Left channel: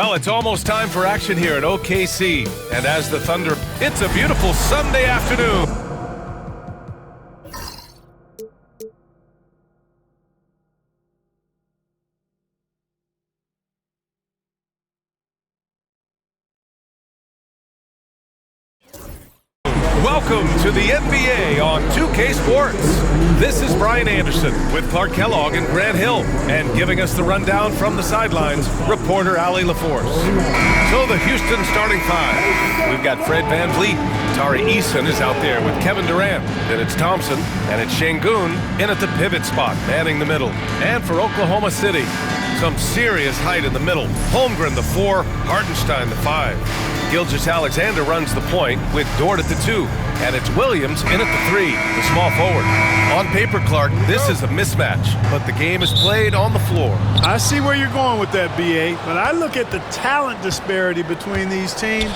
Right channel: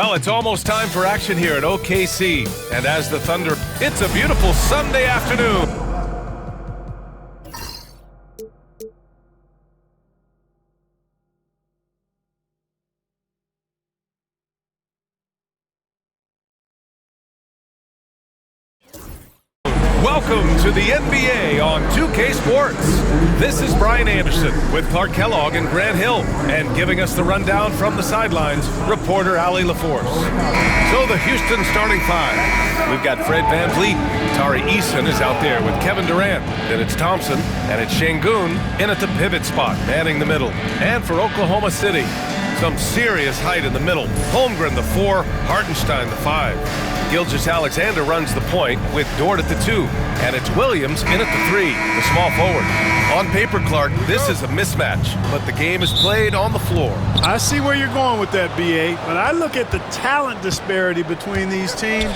Well, it's almost time for action here at OKC. And as the Thunder, it's a beautiful Sunday afternoon. Welcome to the NBA on 2K Sports. This is Brian Anderson with Clark Kellogg and Grant Hill. And giving us the rundown from the sidelines, reporter Allie LaForce. So the Houston starting five. We've got Fred VanVleet. Tari Eason is out there with Kevin Durant. Then it's Thompson, and it's Sengun in at the pivot spot, manning the middle. And for Oklahoma City, some serious height in the middle. Holmgren, the 4, Hartenstein, the 5. Gilgeous-Alexander runs the point with Dort at the 2, and it's Williams in at the 3, the small forward. On paper, Clark, this is a mismatch, but the game is played on the floor. I see where you're going with that, B.A., but I look at the talent disparity between these teams.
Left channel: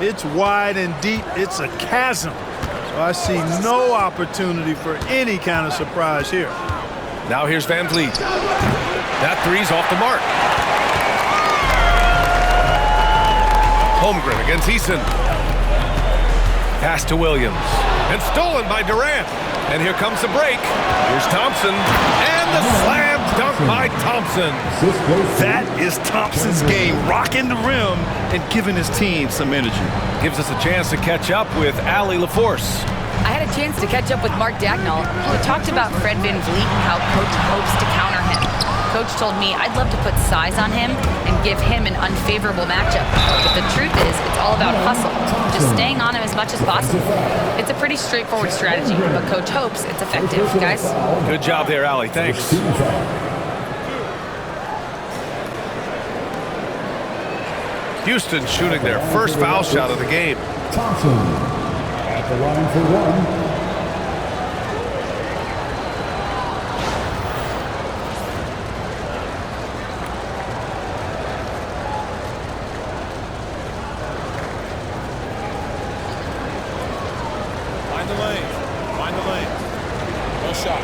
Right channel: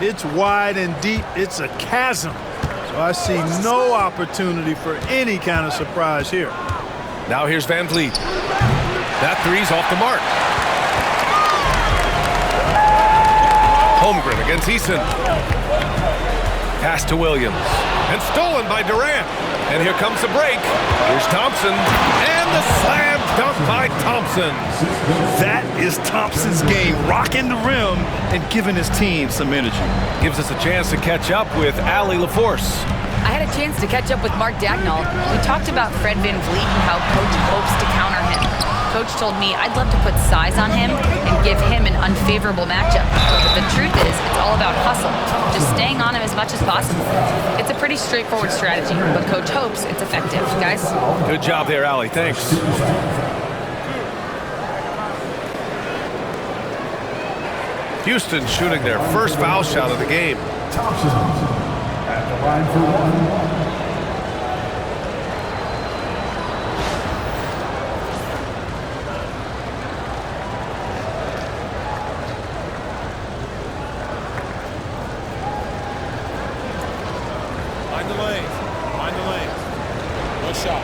It's wide and deep. It's a chasm. So I see no opportunity for any kind of surprise here. Now here's VanVleet. That 3's off the mark. Holmgren against Eason. Pass to Williams. And stolen by Durant. And here comes the break. Here's Thompson. And the slam dunk by Thompson. That is Thompson's game, rocking the rim and giving his team some energy. Gives us a chance to catch up with Allie LaForce. I had a chance to catch up with Mark Dagnall. We talked about Fred VanVleet and how Coach hopes to counter him. Coach told me I'd love to put size on him and give him an unfavorable matchup. But the truth is, it's all about hustle, just staying on him as much as possible. It's a pretty straightforward strategy, but Coach hopes it's effective. Guys? Good job there, Allie. Thanks. Houston shooting their first foul shot of the game. Thompson at the line for 1. Find the lane. No shot.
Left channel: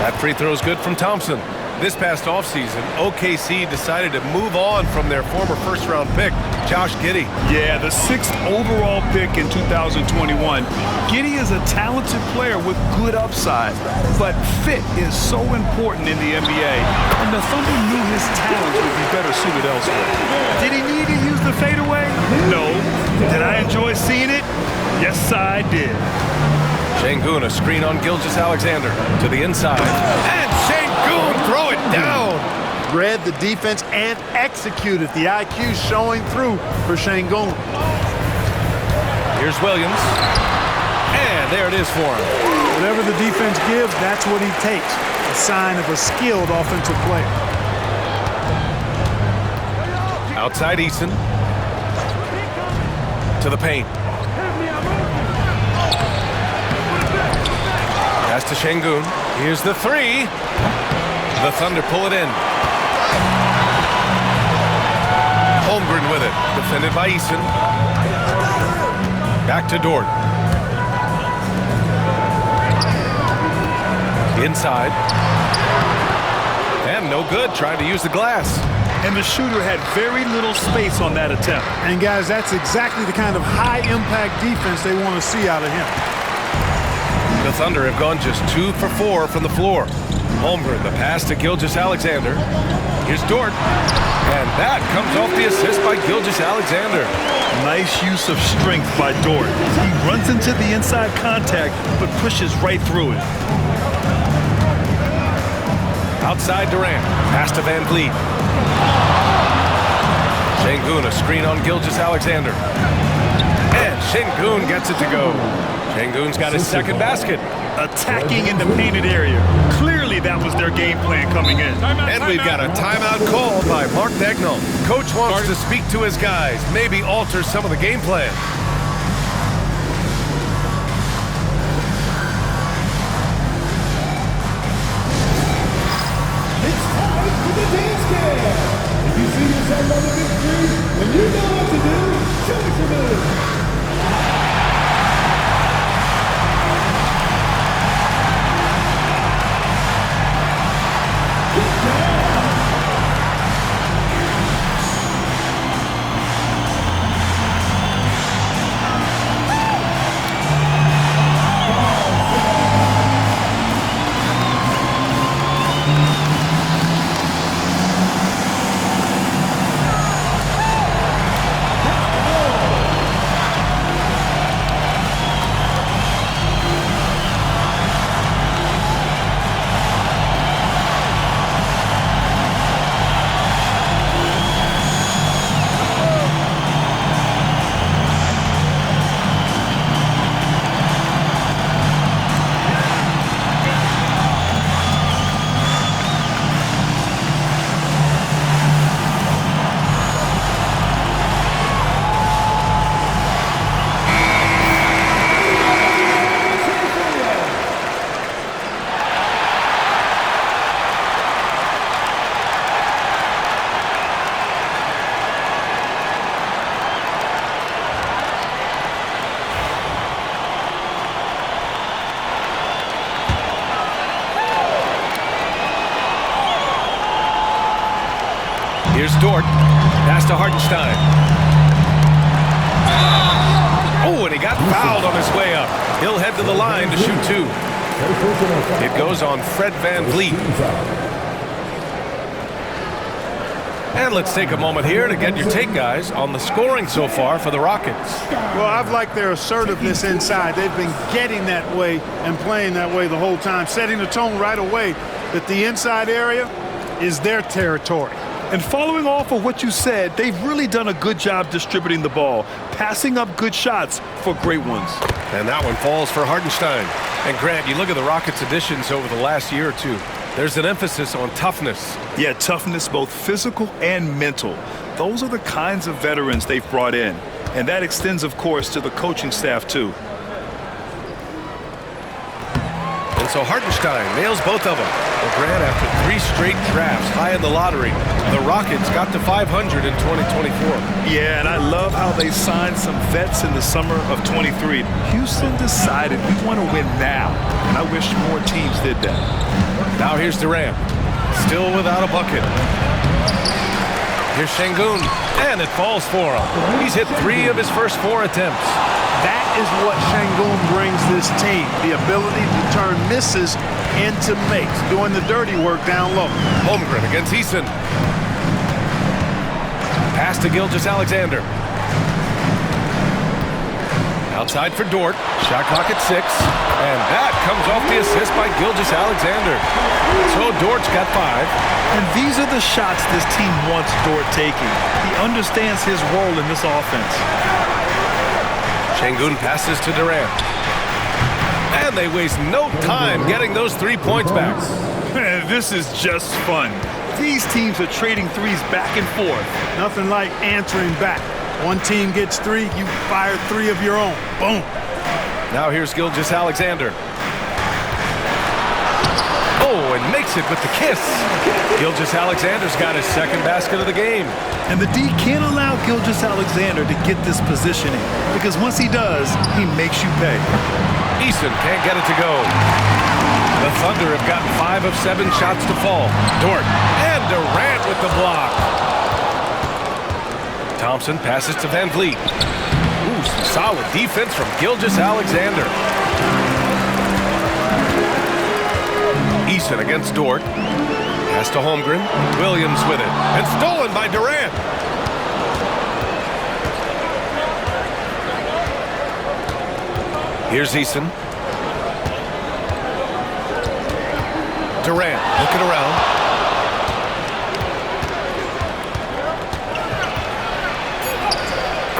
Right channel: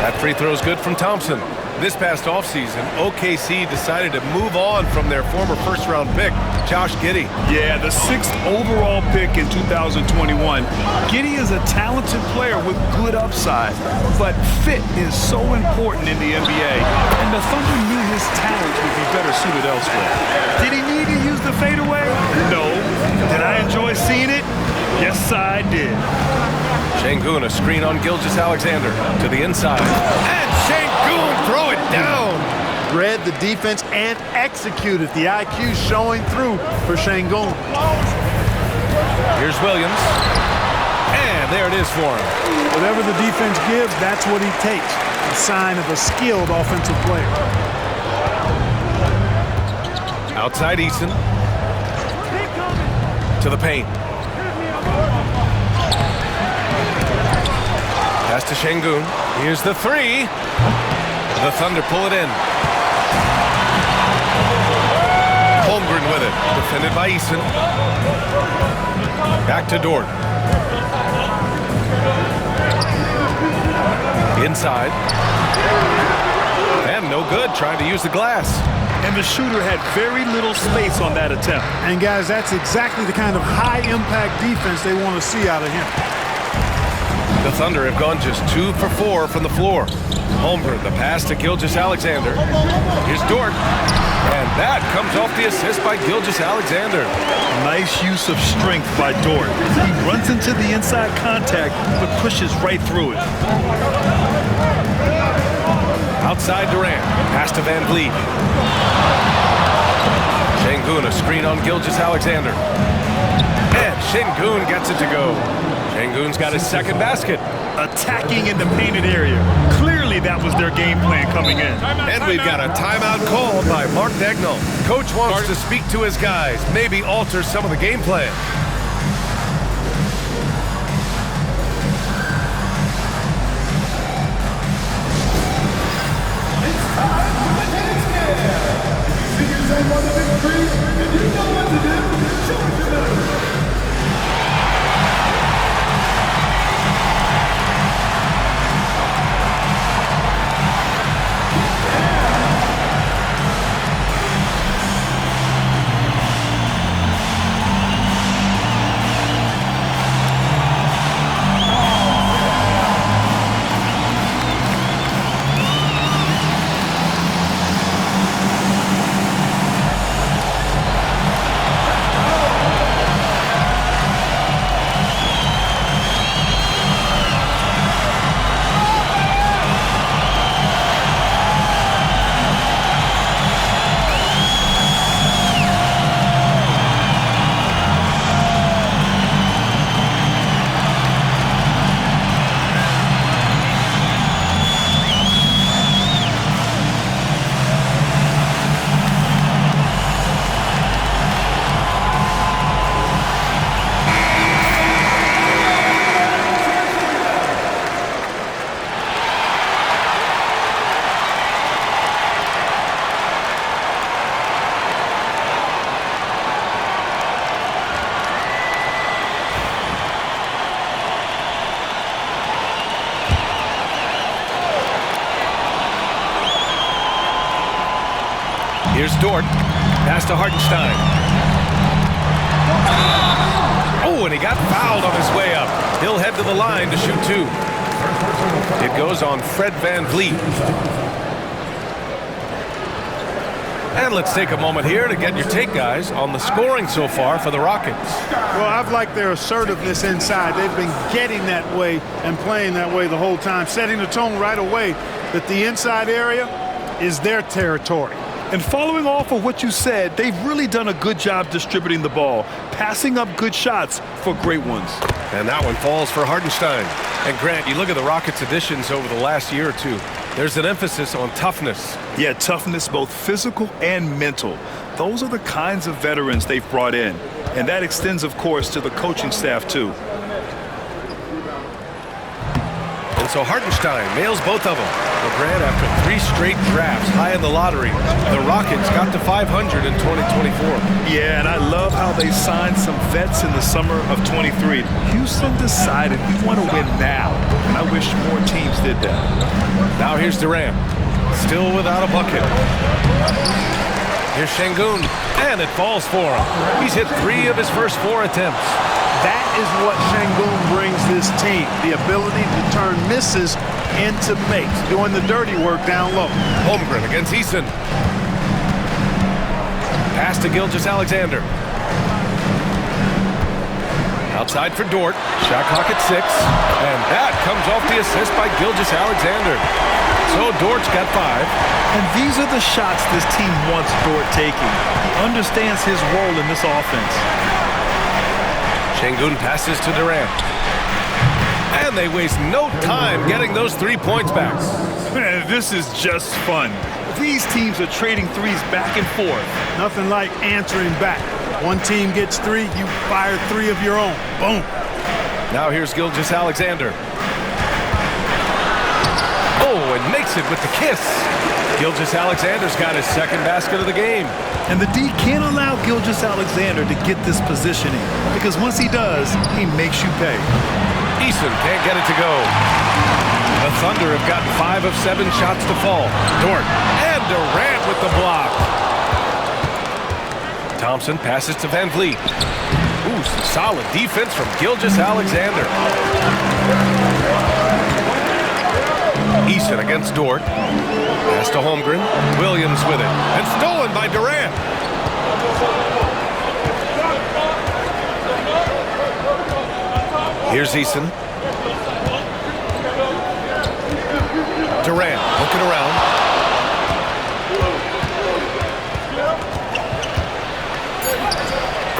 That free throw is good from Thompson. This past offseason, OKC decided to move on from their former first-round pick, Josh Giddey. Yeah, the 6th overall pick in 2021. Giddey is a talented player with good upside, but fit is so important in the NBA, and the Thunder knew his talents would be better suited elsewhere. Did he need to use the fadeaway? No. Did I enjoy seeing it? Yes, I did. Sengun, a screen on Gilgeous-Alexander to the inside. And Sengun, throw it down. Read the defense and executed. The IQ showing through for Sengun. Here's Williams. And there it is for him. Whatever the defense gives, that's what he takes. A sign of a skilled offensive player. Outside Eason. To the paint. Pass to Sengun. Here's the 3. The Thunder pull it in. Holmgren with it. Defended by Eason. Back to Dort. Inside. And no good. Trying to use the glass. And the shooter had very little space on that attempt. And guys, that's exactly the kind of high-impact defense they want to see out of him. The Thunder have gone just 2 for 4 from the floor. Holmgren, the pass to Gilgeous-Alexander. Here's Dort. And that comes off the assist by Gilgeous-Alexander. Nice use of strength by Dort. He runs into the inside contact, but pushes right through it. Outside Durant. Pass to VanVleet. Sengun, a screen on Gilgeous-Alexander. And Sengun gets it to go. Sengun's got his second basket. Attacking in the painted area. Clearly that was their game plan coming in. And we've got a timeout called by Mark Dagnall. Coach wants to speak to his guys, maybe alter some of the game plan. It's time for the dance game. If you see yourself on the big screen and you know what to do, show us your move. Here's Dort. Pass to Hartenstein. Oh, and he got fouled on his way up. He'll head to the line to shoot 2. It goes on Fred VanVleet. And let's take a moment here to get your take, guys, on the scoring so far for the Rockets. Well, I've liked their assertiveness inside. They've been getting that way and playing that way the whole time, setting the tone right away that the inside area is their territory. And following off of what you said, they've really done a good job distributing the ball, passing up good shots for great ones. And that one falls for Hartenstein. And Grant, you look at the Rockets' additions over the last year or two. There's an emphasis on toughness. Yeah, toughness, both physical and mental. Those are the kinds of veterans they've brought in. And that extends, of course, to the coaching staff, too. And so Hartenstein nails both of them. Well, Grant, after 3 straight drafts high in the lottery, the Rockets got to 500 in 2024. Yeah, and I love how they signed some vets in the summer of 23. Houston decided we want to win now, and I wish more teams did that. Now here's Durant, still without a bucket. Here's Şengün, and it falls for him. He's hit 3 of his first 4 attempts. That is what Şengün brings this team, the ability to turn misses into makes, doing the dirty work down low. Holmgren against Eason. Pass to Gilgeous-Alexander. Outside for Dort. Shot clock at 6. And that comes off the assist by Gilgeous-Alexander. So Dort's got 5. And these are the shots this team wants Dort taking. He understands his role in this offense. Şengün passes to Durant. And they waste no time getting those 3 points back. Man, this is just fun. These teams are trading threes back and forth. Nothing like answering back. One team gets 3, you fire 3 of your own. Boom. Now here's Gilgeous-Alexander. Oh, and makes it with the kiss. Gilgeous-Alexander's got his second basket of the game. And the D can't allow Gilgeous-Alexander to get this positioning, because once he does, he makes you pay. Eason can't get it to go. The Thunder have gotten 5 of 7 shots to fall. Dort and Durant with the block. Thompson passes to VanVleet. Ooh, some solid defense from Gilgeous-Alexander. Eason against Dort. Pass to Holmgren. Williams with it. And stolen by Durant. Here's Eason. Durant looking around.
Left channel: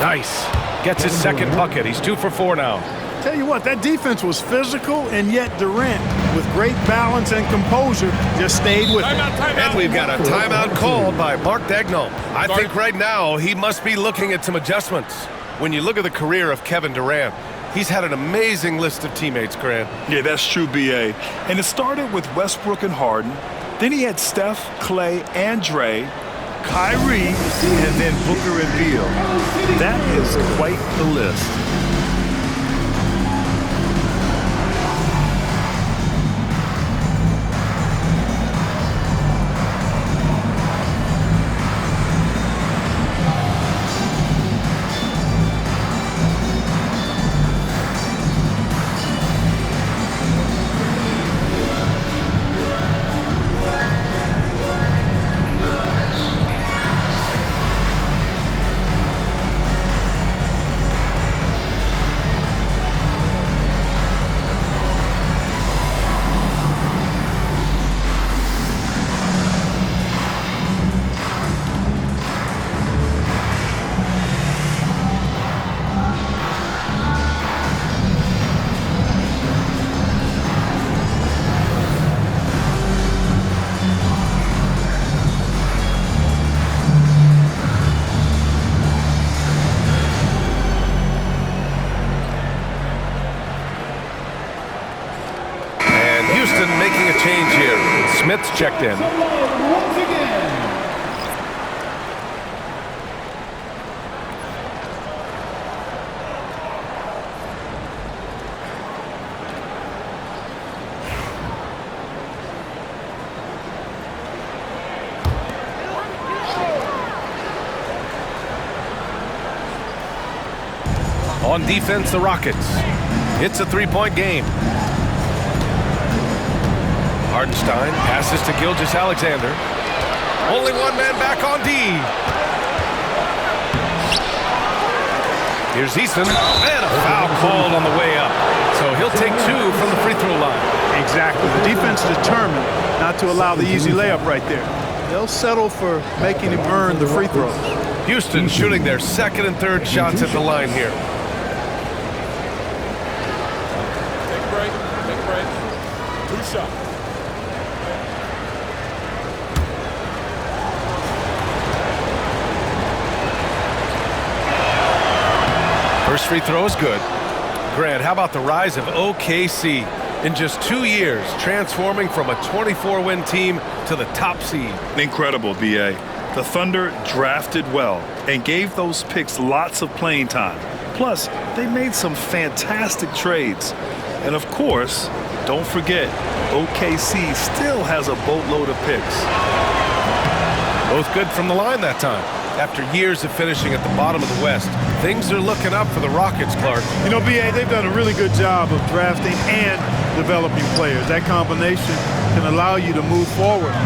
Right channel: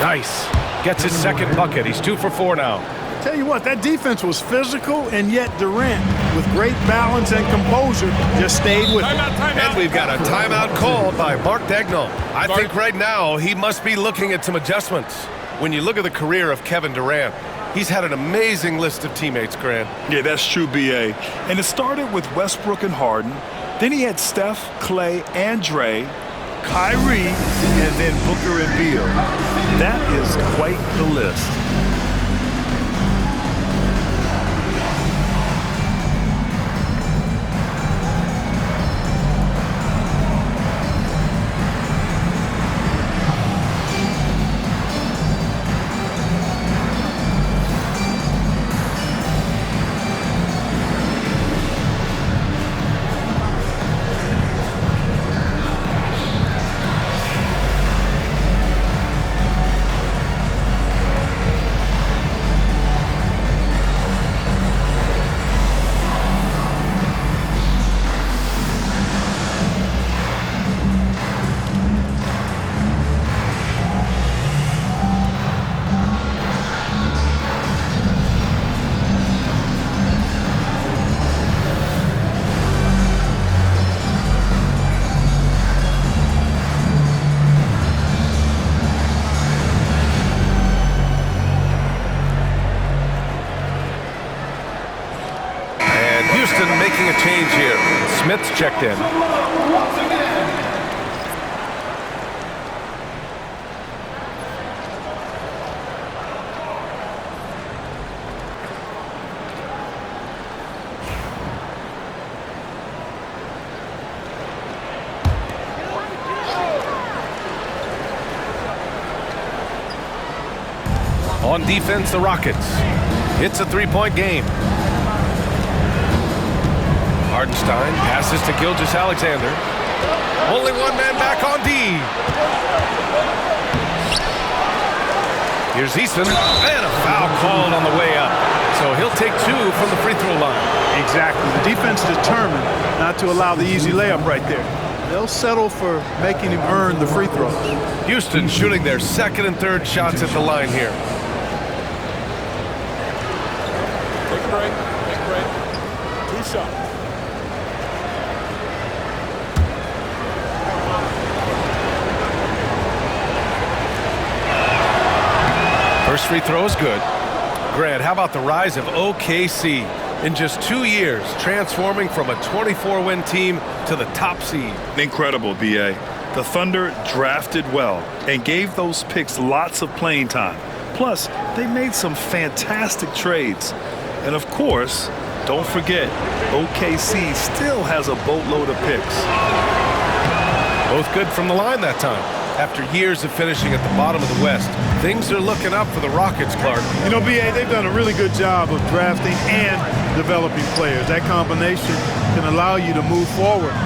Nice. Gets his second bucket. He's 2 for 4 now. Tell you what, that defense was physical, and yet Durant, with great balance and composure, just stayed with it. And we've got a timeout called by Mark Daigneault. I think right now he must be looking at some adjustments. When you look at the career of Kevin Durant, he's had an amazing list of teammates, Grant. Yeah, that's true, B.A. And it started with Westbrook and Harden. Then he had Steph, Clay, and Dre, Kyrie, and then Booker and Beal. That is quite the list. Houston making a change here. Smith's checked in. Once again, On defense, the Rockets. It's a three-point game. Hartenstein passes to Gilgeous-Alexander. Only one man back on D. Here's Eason, and a foul called on the way up. So he'll take 2 from the free throw line. Exactly. The defense is determined not to allow the easy layup right there. They'll settle for making him earn the free throws. Houston shooting their second and third shots at the line here. Take a break. Take a break. 2 shots. First free throw is good. Grant, how about the rise of OKC? In just 2 years, transforming from a 24-win team to the top seed. Incredible, B.A. The Thunder drafted well and gave those picks lots of playing time. Plus, they made some fantastic trades. And of course, don't forget, OKC still has a boatload of picks. Both good from the line that time. After years of finishing at the bottom of the West, things are looking up for the Rockets, Clark. You know, B.A., they've done a really good job of drafting and developing players. That combination can allow you to move forward.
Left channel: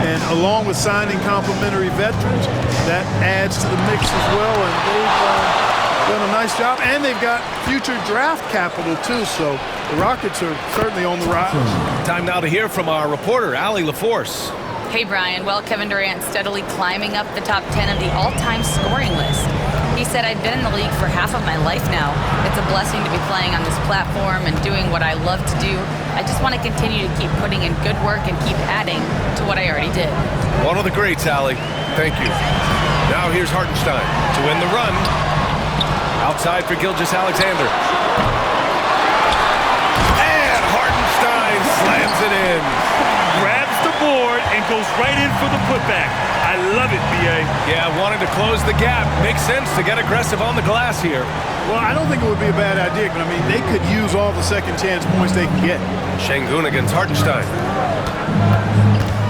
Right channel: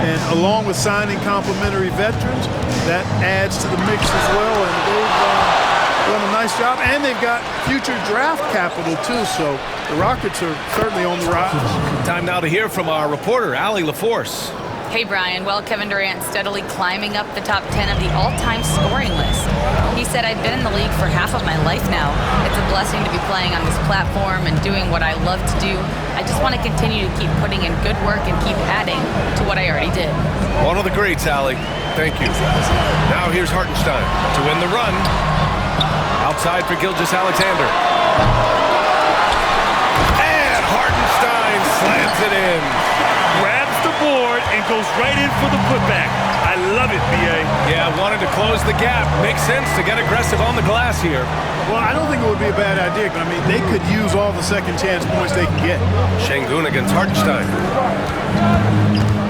And along with signing complementary veterans, that adds to the mix as well. And they've done a nice job. And they've got future draft capital, too. So the Rockets are certainly on the rise. Time now to hear from our reporter, Allie LaForce. Hey, Brian. Well, Kevin Durant steadily climbing up the top 10 of the all-time scoring list. He said, I've been in the league for half of my life now. It's a blessing to be playing on this platform and doing what I love to do. I just want to continue to keep putting in good work and keep adding to what I already did. One of the greats, Allie. Thank you. Now here's Hartenstein to win the run. Outside for Gilgeous-Alexander. And Hartenstein slams it in. Grabs the board and goes right in for the putback. I love it, B.A. Yeah, wanting to close the gap. Makes sense to get aggressive on the glass here. Well, I don't think it would be a bad idea, but I mean, they could use all the second chance points they can get. Şengün against Hartenstein.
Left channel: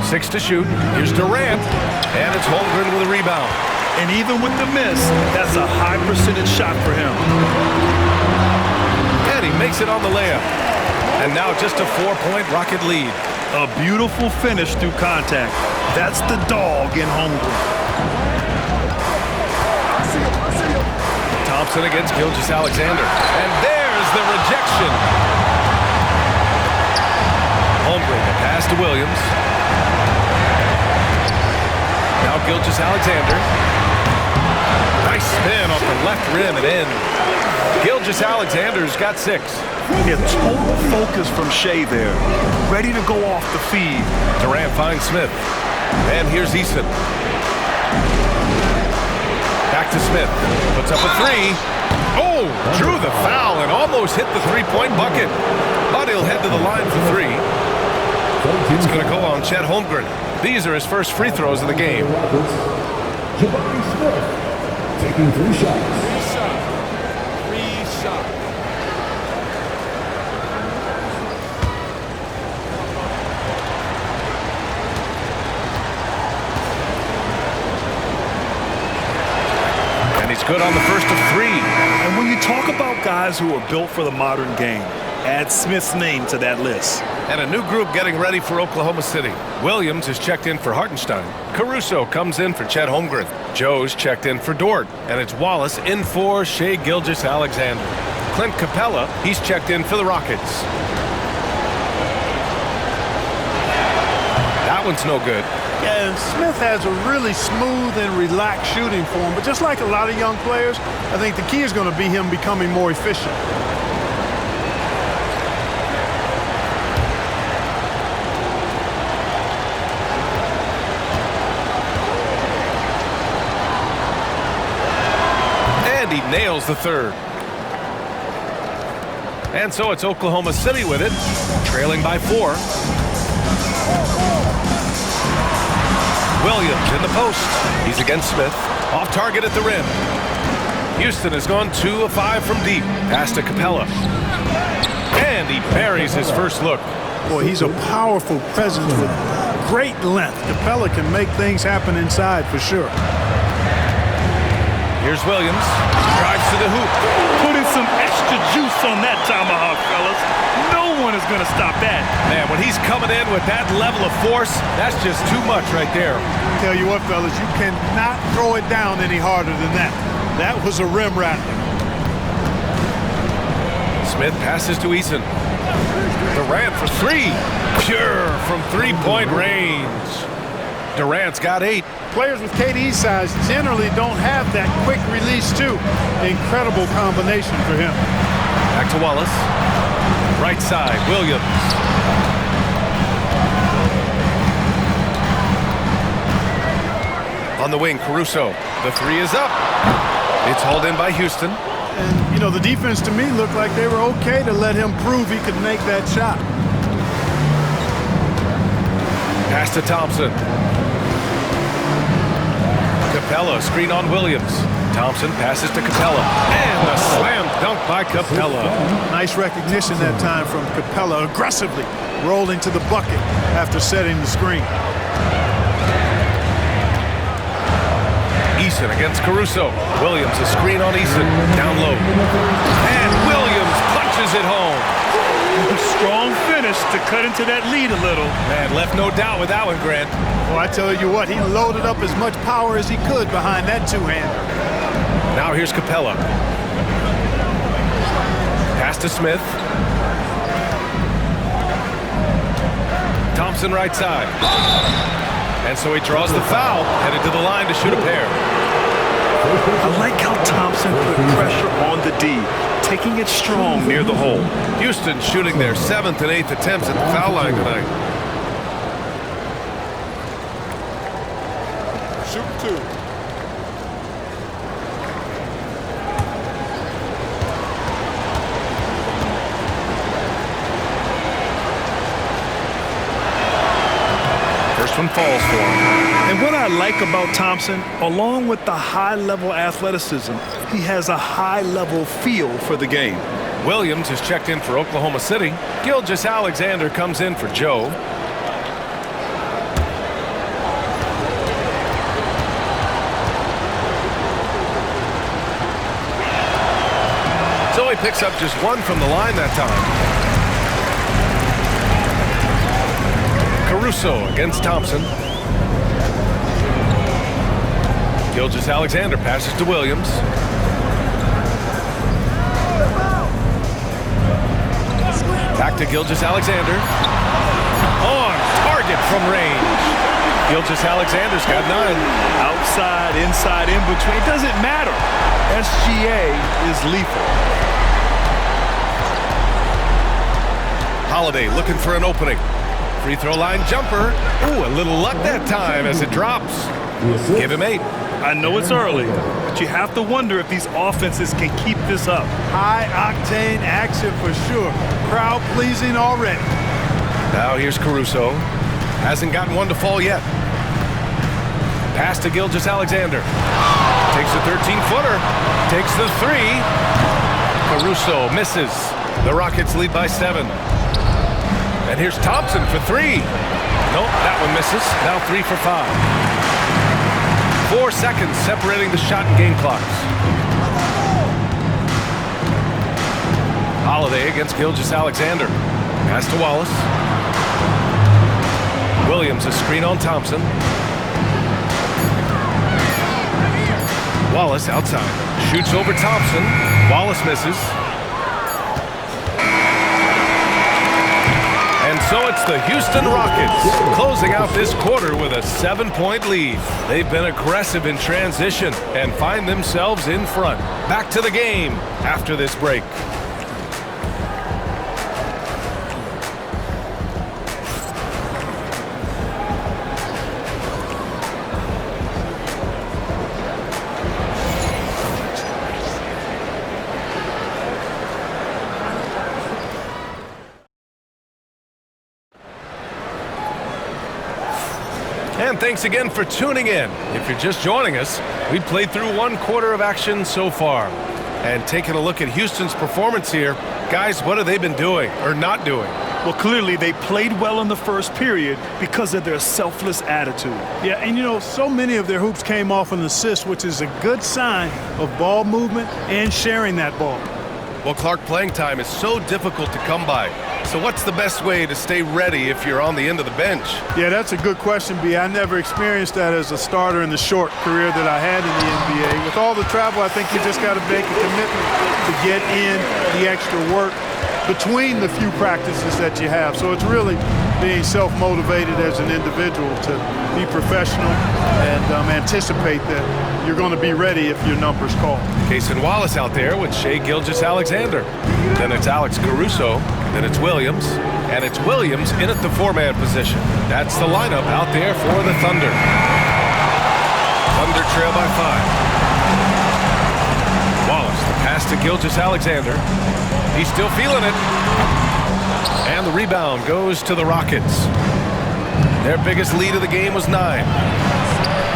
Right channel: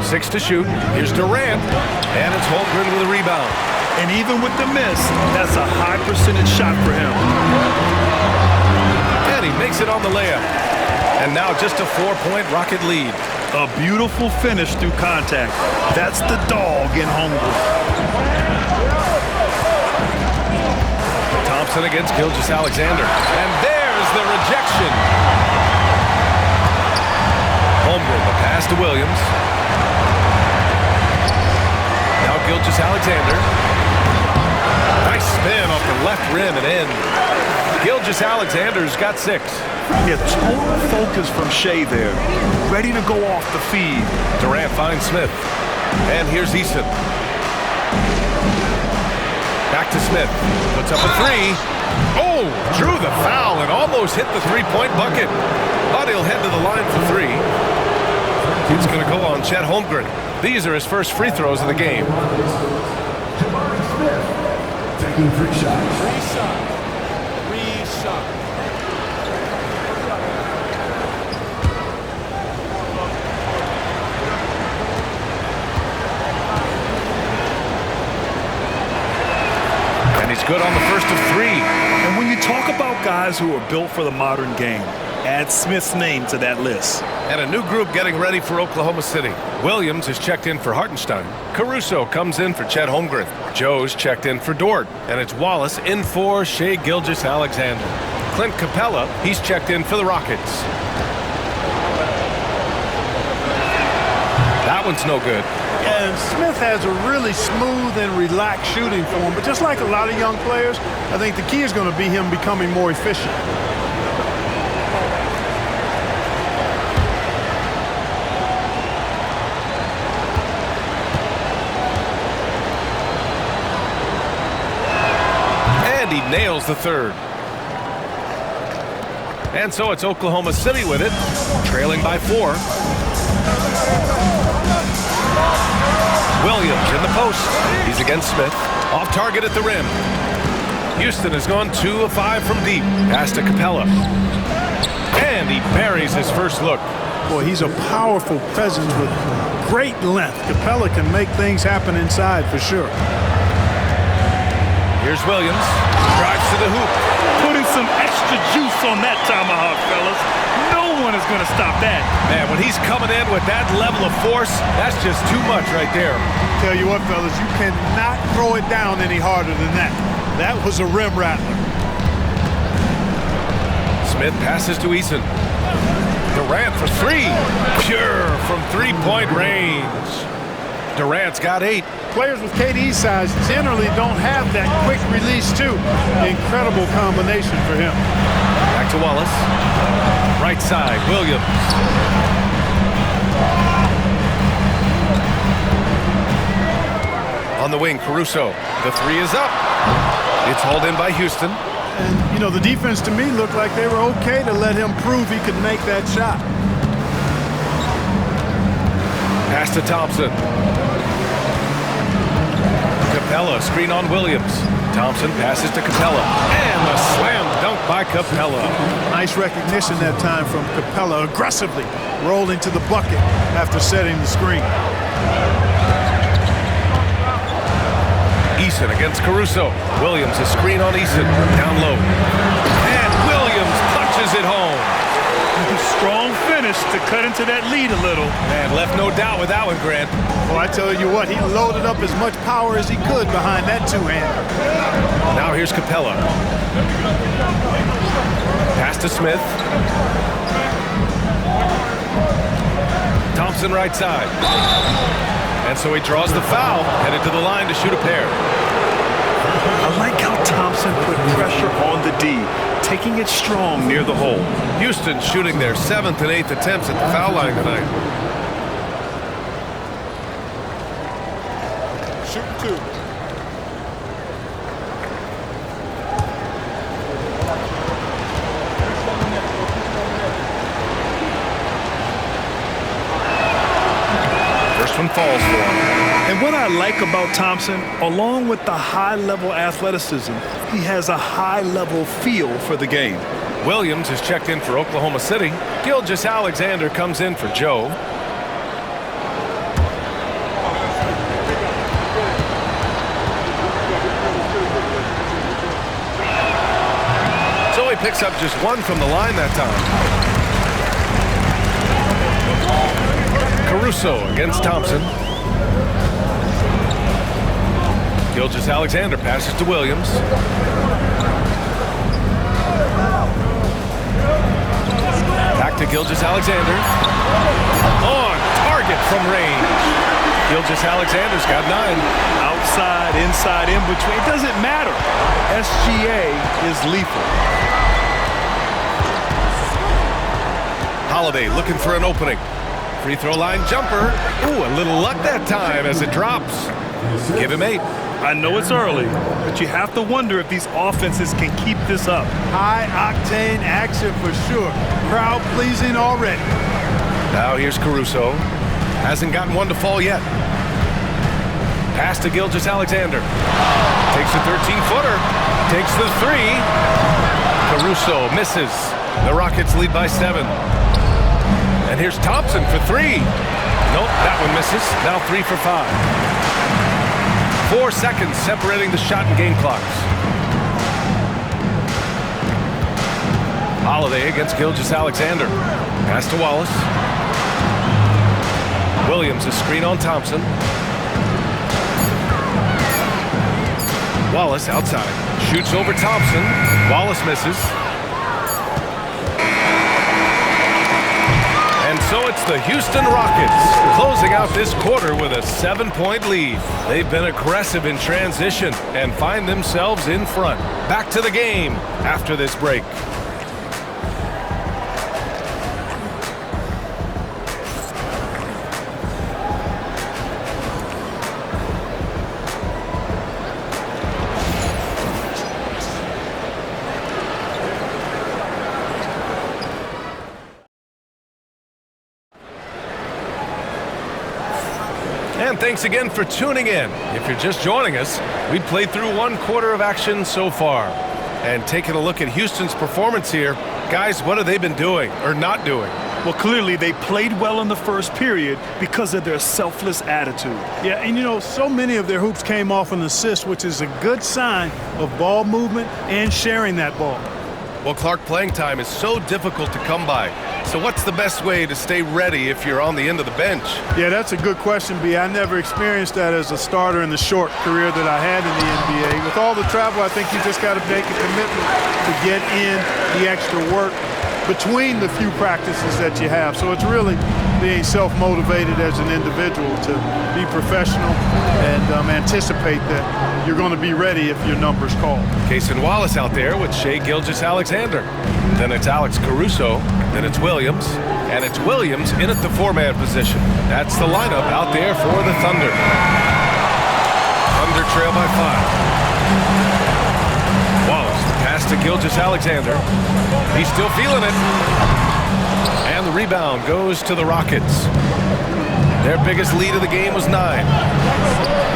6 to shoot. Here's Durant. And it's Holmgren with a rebound. And even with the miss, that's a high percentage shot for him. And he makes it on the layup. And now just a 4-point Rocket lead. A beautiful finish through contact. That's the dog in Holmgren. Thompson against Gilgeous-Alexander. And there's the rejection. Holmgren, the pass to Williams. Now Gilgeous-Alexander. Nice spin off the left rim and in. Gilgeous-Alexander's got 6. Yeah, total focus from Shea there. Ready to go off the feed. Durant finds Smith. And here's Eason. Back to Smith. Puts up a 3. Oh, drew the foul and almost hit the 3-point bucket. But he'll head to the line for 3. It's going to go on Chet Holmgren. These are his first free throws of the game. Jabari Smith taking 3 shots. 3 shots. 3 shots. And he's good on the first of 3. And when you talk about guys who are built for the modern game, add Smith's name to that list. And a new group getting ready for Oklahoma City. Williams is checked in for Hartenstein. Caruso comes in for Chet Holmgren. Joe's checked in for Dort. And it's Wallace in for Shea Gilgeous-Alexander. Clint Capella, he's checked in for the Rockets. That one's no good. And Smith has a really smooth and relaxed shooting form, but just like a lot of young players, I think the key is going to be him becoming more efficient. And he nails the third. And so it's Oklahoma City with it, trailing by 4. Williams in the post. He's against Smith. Off target at the rim. Houston has gone 2 of 5 from deep. Pass to Capella. And he buries his first look. Boy, he's a powerful presence with great length. Capella can make things happen inside for sure. Here's Williams. Drives to the hoop. Putting some extra juice on that tomahawk, fellas. No one is going to stop that. Man, when he's coming in with that level of force, that's just too much right there. Tell you what, fellas, you cannot throw it down any harder than that. That was a rim rattler. Smith passes to Eason. Durant for three. Pure from three-point range. Durant's got 8. Players with KD's size generally don't have that quick release, too. Incredible combination for him. Back to Wallace. Right side, Williams. On the wing, Caruso. The 3 is up. It's hauled in by Houston. And, you know, the defense to me looked like they were okay to let him prove he could make that shot. Pass to Thompson. Capella, screen on Williams. Thompson passes to Capella. And the slam dunk by Capella. Nice recognition that time from Capella, aggressively rolling to the bucket after setting the screen. Eason against Caruso. Williams, a screen on Eason. Down low. And Williams punches it home. Strong finish to cut into that lead a little. Man, left no doubt with that one, Grant. Well, I tell you what, he loaded up as much power as he could behind that two-hander. Now here's Capella. Pass to Smith. Thompson right side. And so he draws the foul, headed to the line to shoot a pair. I like how Thompson put pressure on the D, taking it strong near the hole. Houston shooting their 7th and 8th attempts at the foul line tonight. Shooting 2. First one falls for him. And what I like about Thompson, along with the high-level athleticism, he has a high-level feel for the game. Williams is checked in for Oklahoma City. Gilgeous-Alexander comes in for Joe. So he picks up just 1 from the line that time. Caruso against Thompson. Gilgeous-Alexander passes to Williams. Back to Gilgeous-Alexander. On target from range. Gilgeous-Alexander's got 9. Outside, inside, in between, it doesn't matter. SGA is lethal. Holiday looking for an opening. Free throw line jumper. Ooh, a little luck that time as it drops. Give him 8. I know it's early, but you have to wonder if these offenses can keep this up. High-octane action for sure. Crowd-pleasing already. Now here's Caruso. Hasn't gotten one to fall yet. Pass to Gilgeous-Alexander. Takes the 13-footer. Takes the 3. Caruso misses. The Rockets lead by 7. And here's Thompson for 3. Nope, that one misses. Now 3 for 5. 4 seconds separating the shot and game clocks. Holiday against Gilgeous-Alexander. Pass to Wallace. Williams, a screen on Thompson. Wallace outside. Shoots over Thompson. Wallace misses. And so it's the Houston Rockets closing out this quarter with a 7-point lead. They've been aggressive in transition and find themselves in front. Back to the game after this break. And thanks again for tuning in. If you're just joining us, we've played through 1 quarter of action so far. And taking a look at Houston's performance here, guys, what have they been doing or not doing? Well, clearly they played well in the first period because of their selfless attitude. Yeah, and you know, so many of their hoops came off an assist, which is a good sign of ball movement and sharing that ball. Well, Clark, playing time is so difficult to come by. So what's the best way to stay ready if you're on the end of the bench? Yeah, that's a good question, B. I never experienced that as a starter in the short career that I had in the NBA. With all the travel, I think you just got to make a commitment to get in the extra work between the few practices that you have. So it's really being self-motivated as an individual to be professional and anticipate that you're going to be ready if your number's called. Cason Wallace out there with Shai Gilgeous-Alexander. Then it's Alex Caruso. Then it's Williams. And it's Williams in at the four-man position. That's the lineup out there for the Thunder. Thunder trail by 5. Wallace, the pass to Gilgeous-Alexander. He's still feeling it. And the rebound goes to the Rockets. Their biggest lead of the game was 9.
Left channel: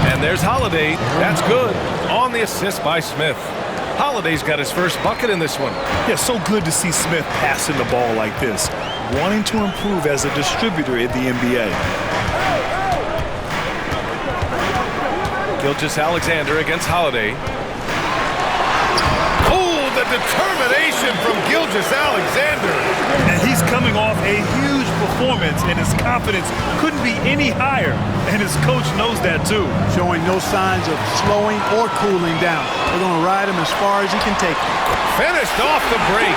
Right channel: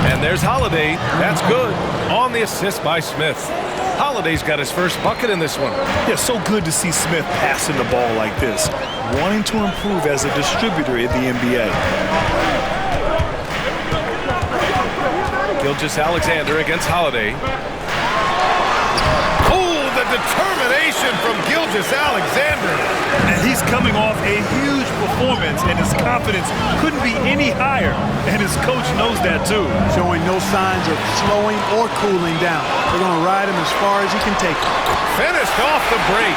And there's Holiday. That's good. On the assist by Smith. Holiday's got his first bucket in this one. Yeah, so good to see Smith passing the ball like this, wanting to improve as a distributor in the NBA. Gilgeous-Alexander against Holiday. Oh, the determination from Gilgeous-Alexander. And he's coming off a huge performance, and his confidence couldn't be any higher. And his coach knows that too. Showing no signs of slowing or cooling down. They're going to ride him as far as he can take him. Finished off the break.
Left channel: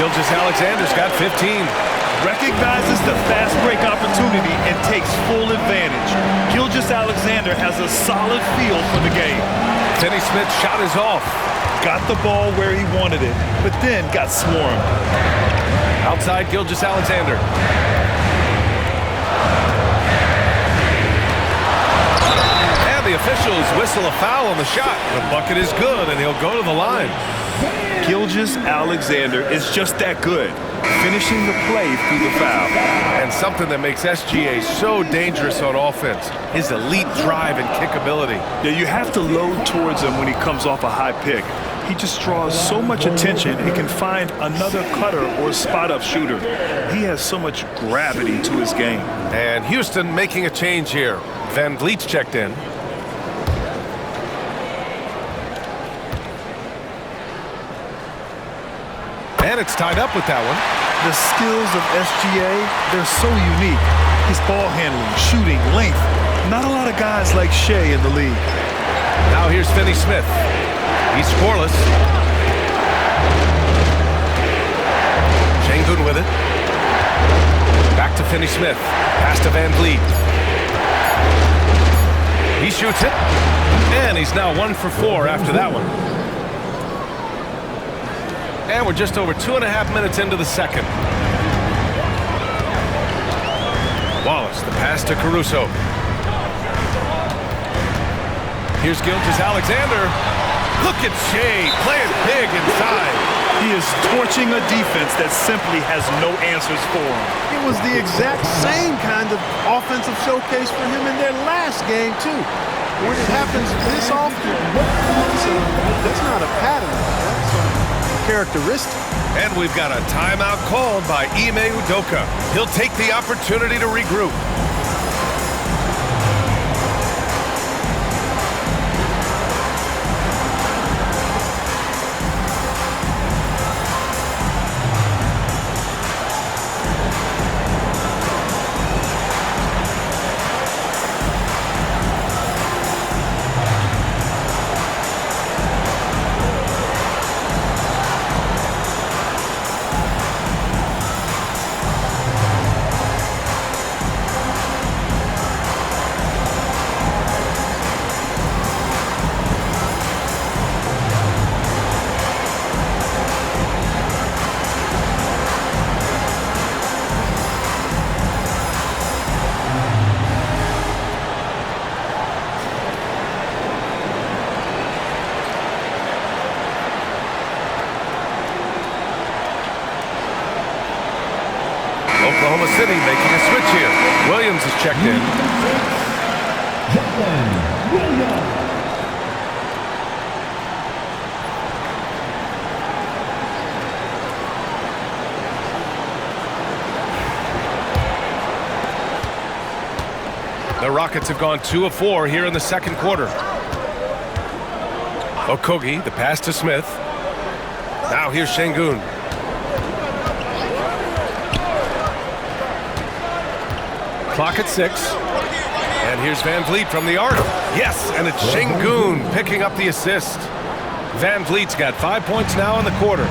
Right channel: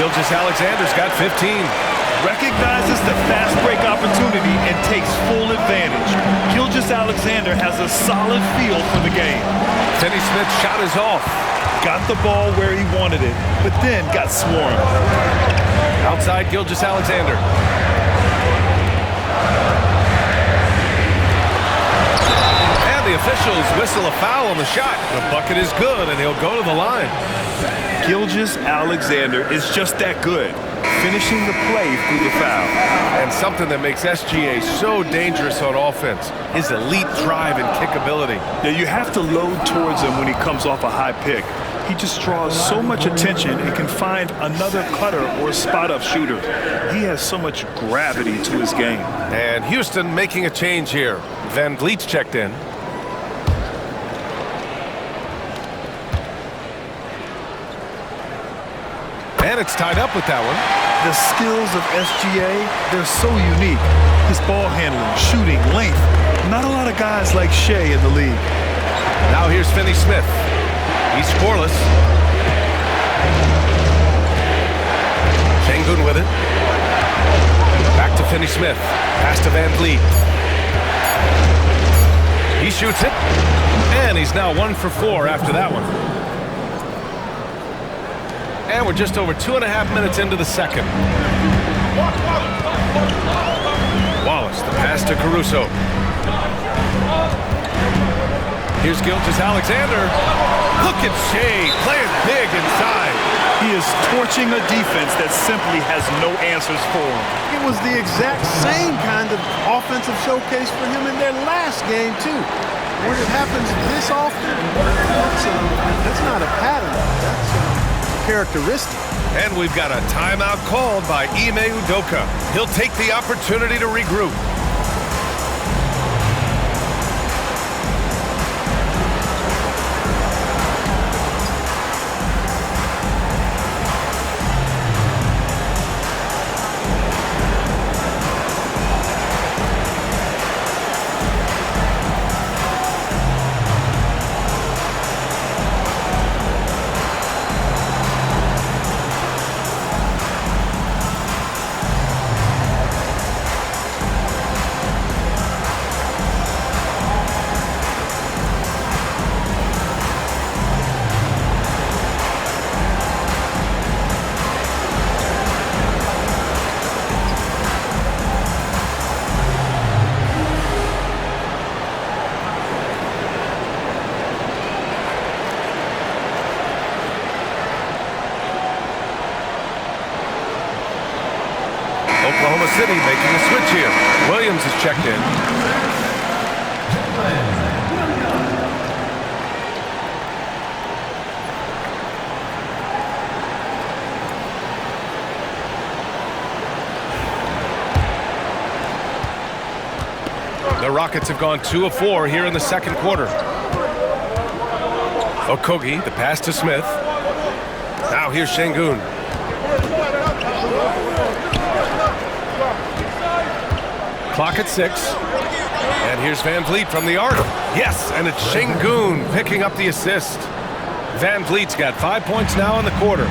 Gilgeous-Alexander's got 15. Recognizes the fast break opportunity and takes full advantage. Gilgeous-Alexander has a solid feel for the game. Finney Smith's shot is off. Got the ball where he wanted it, but then got swarmed. Outside Gilgeous-Alexander. And the officials whistle a foul on the shot. The bucket is good, and he'll go to the line. Gilgeous-Alexander is just that good, finishing the play through the foul. And something that makes SGA so dangerous on offense, his elite drive and kick ability. Yeah, you have to load towards him when he comes off a high pick. He just draws so much attention and can find another cutter or spot-up shooter. He has so much gravity to his game. And Houston making a change here. Van Vliet's checked in. And it's tied up with that one. The skills of SGA, they're so unique. His ball handling, shooting, length. Not a lot of guys like Shai in the league. Now here's Finney Smith. He's scoreless. Şengün with it. Back to Finney Smith. Pass to Van Vliet. He shoots it. And he's now 1 for 4 after that one. And we're just over 2.5 minutes into the second. Wallace, the pass to Caruso. Here's Gilgeous-Alexander. Look at Shai playing big inside. He is torching a defense that simply has no answers for him. It was the exact same kind of offensive showcase for him in their last game, too. When it happens this often, that's not a pattern. That's a characteristic. And we've got a timeout called by Ime Udoka. He'll take the opportunity to regroup. Oklahoma City making a switch here. Williams is checked in. The Rockets have gone 2 of 4 here in the second quarter. Okogie, the pass to Smith. Now here's Şengün. Clock at 6. And here's Van Vliet from the arc. Yes, and it's Şengün picking up the assist. Van Vliet's got 5 points now in the quarter.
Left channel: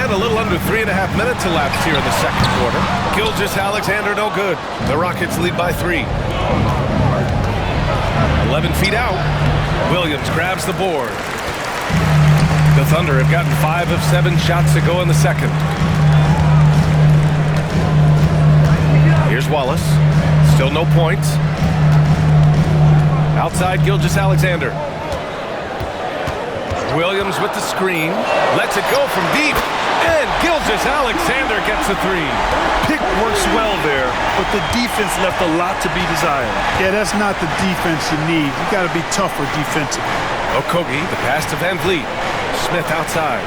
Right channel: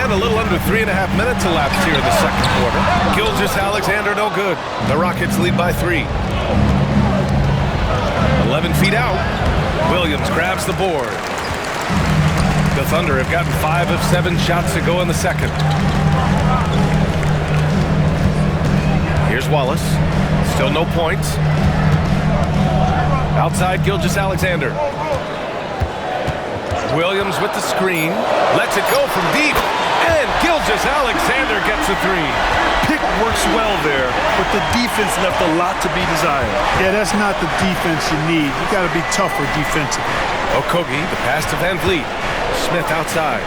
And a little under 3.5 minutes elapsed here in the second quarter. Gilgeous-Alexander no good. The Rockets lead by 3. 11 feet out. Williams grabs the board. The Thunder have gotten 5 of 7 shots to go in the second. Here's Wallace. Still no points. Outside Gilgeous-Alexander. Williams with the screen. Lets it go from deep. And Gilgeous-Alexander gets a 3. Pick works well there, but the defense left a lot to be desired. Yeah, that's not the defense you need. You got to be tougher defensively. Okogie, the pass to Van Vliet. Smith outside.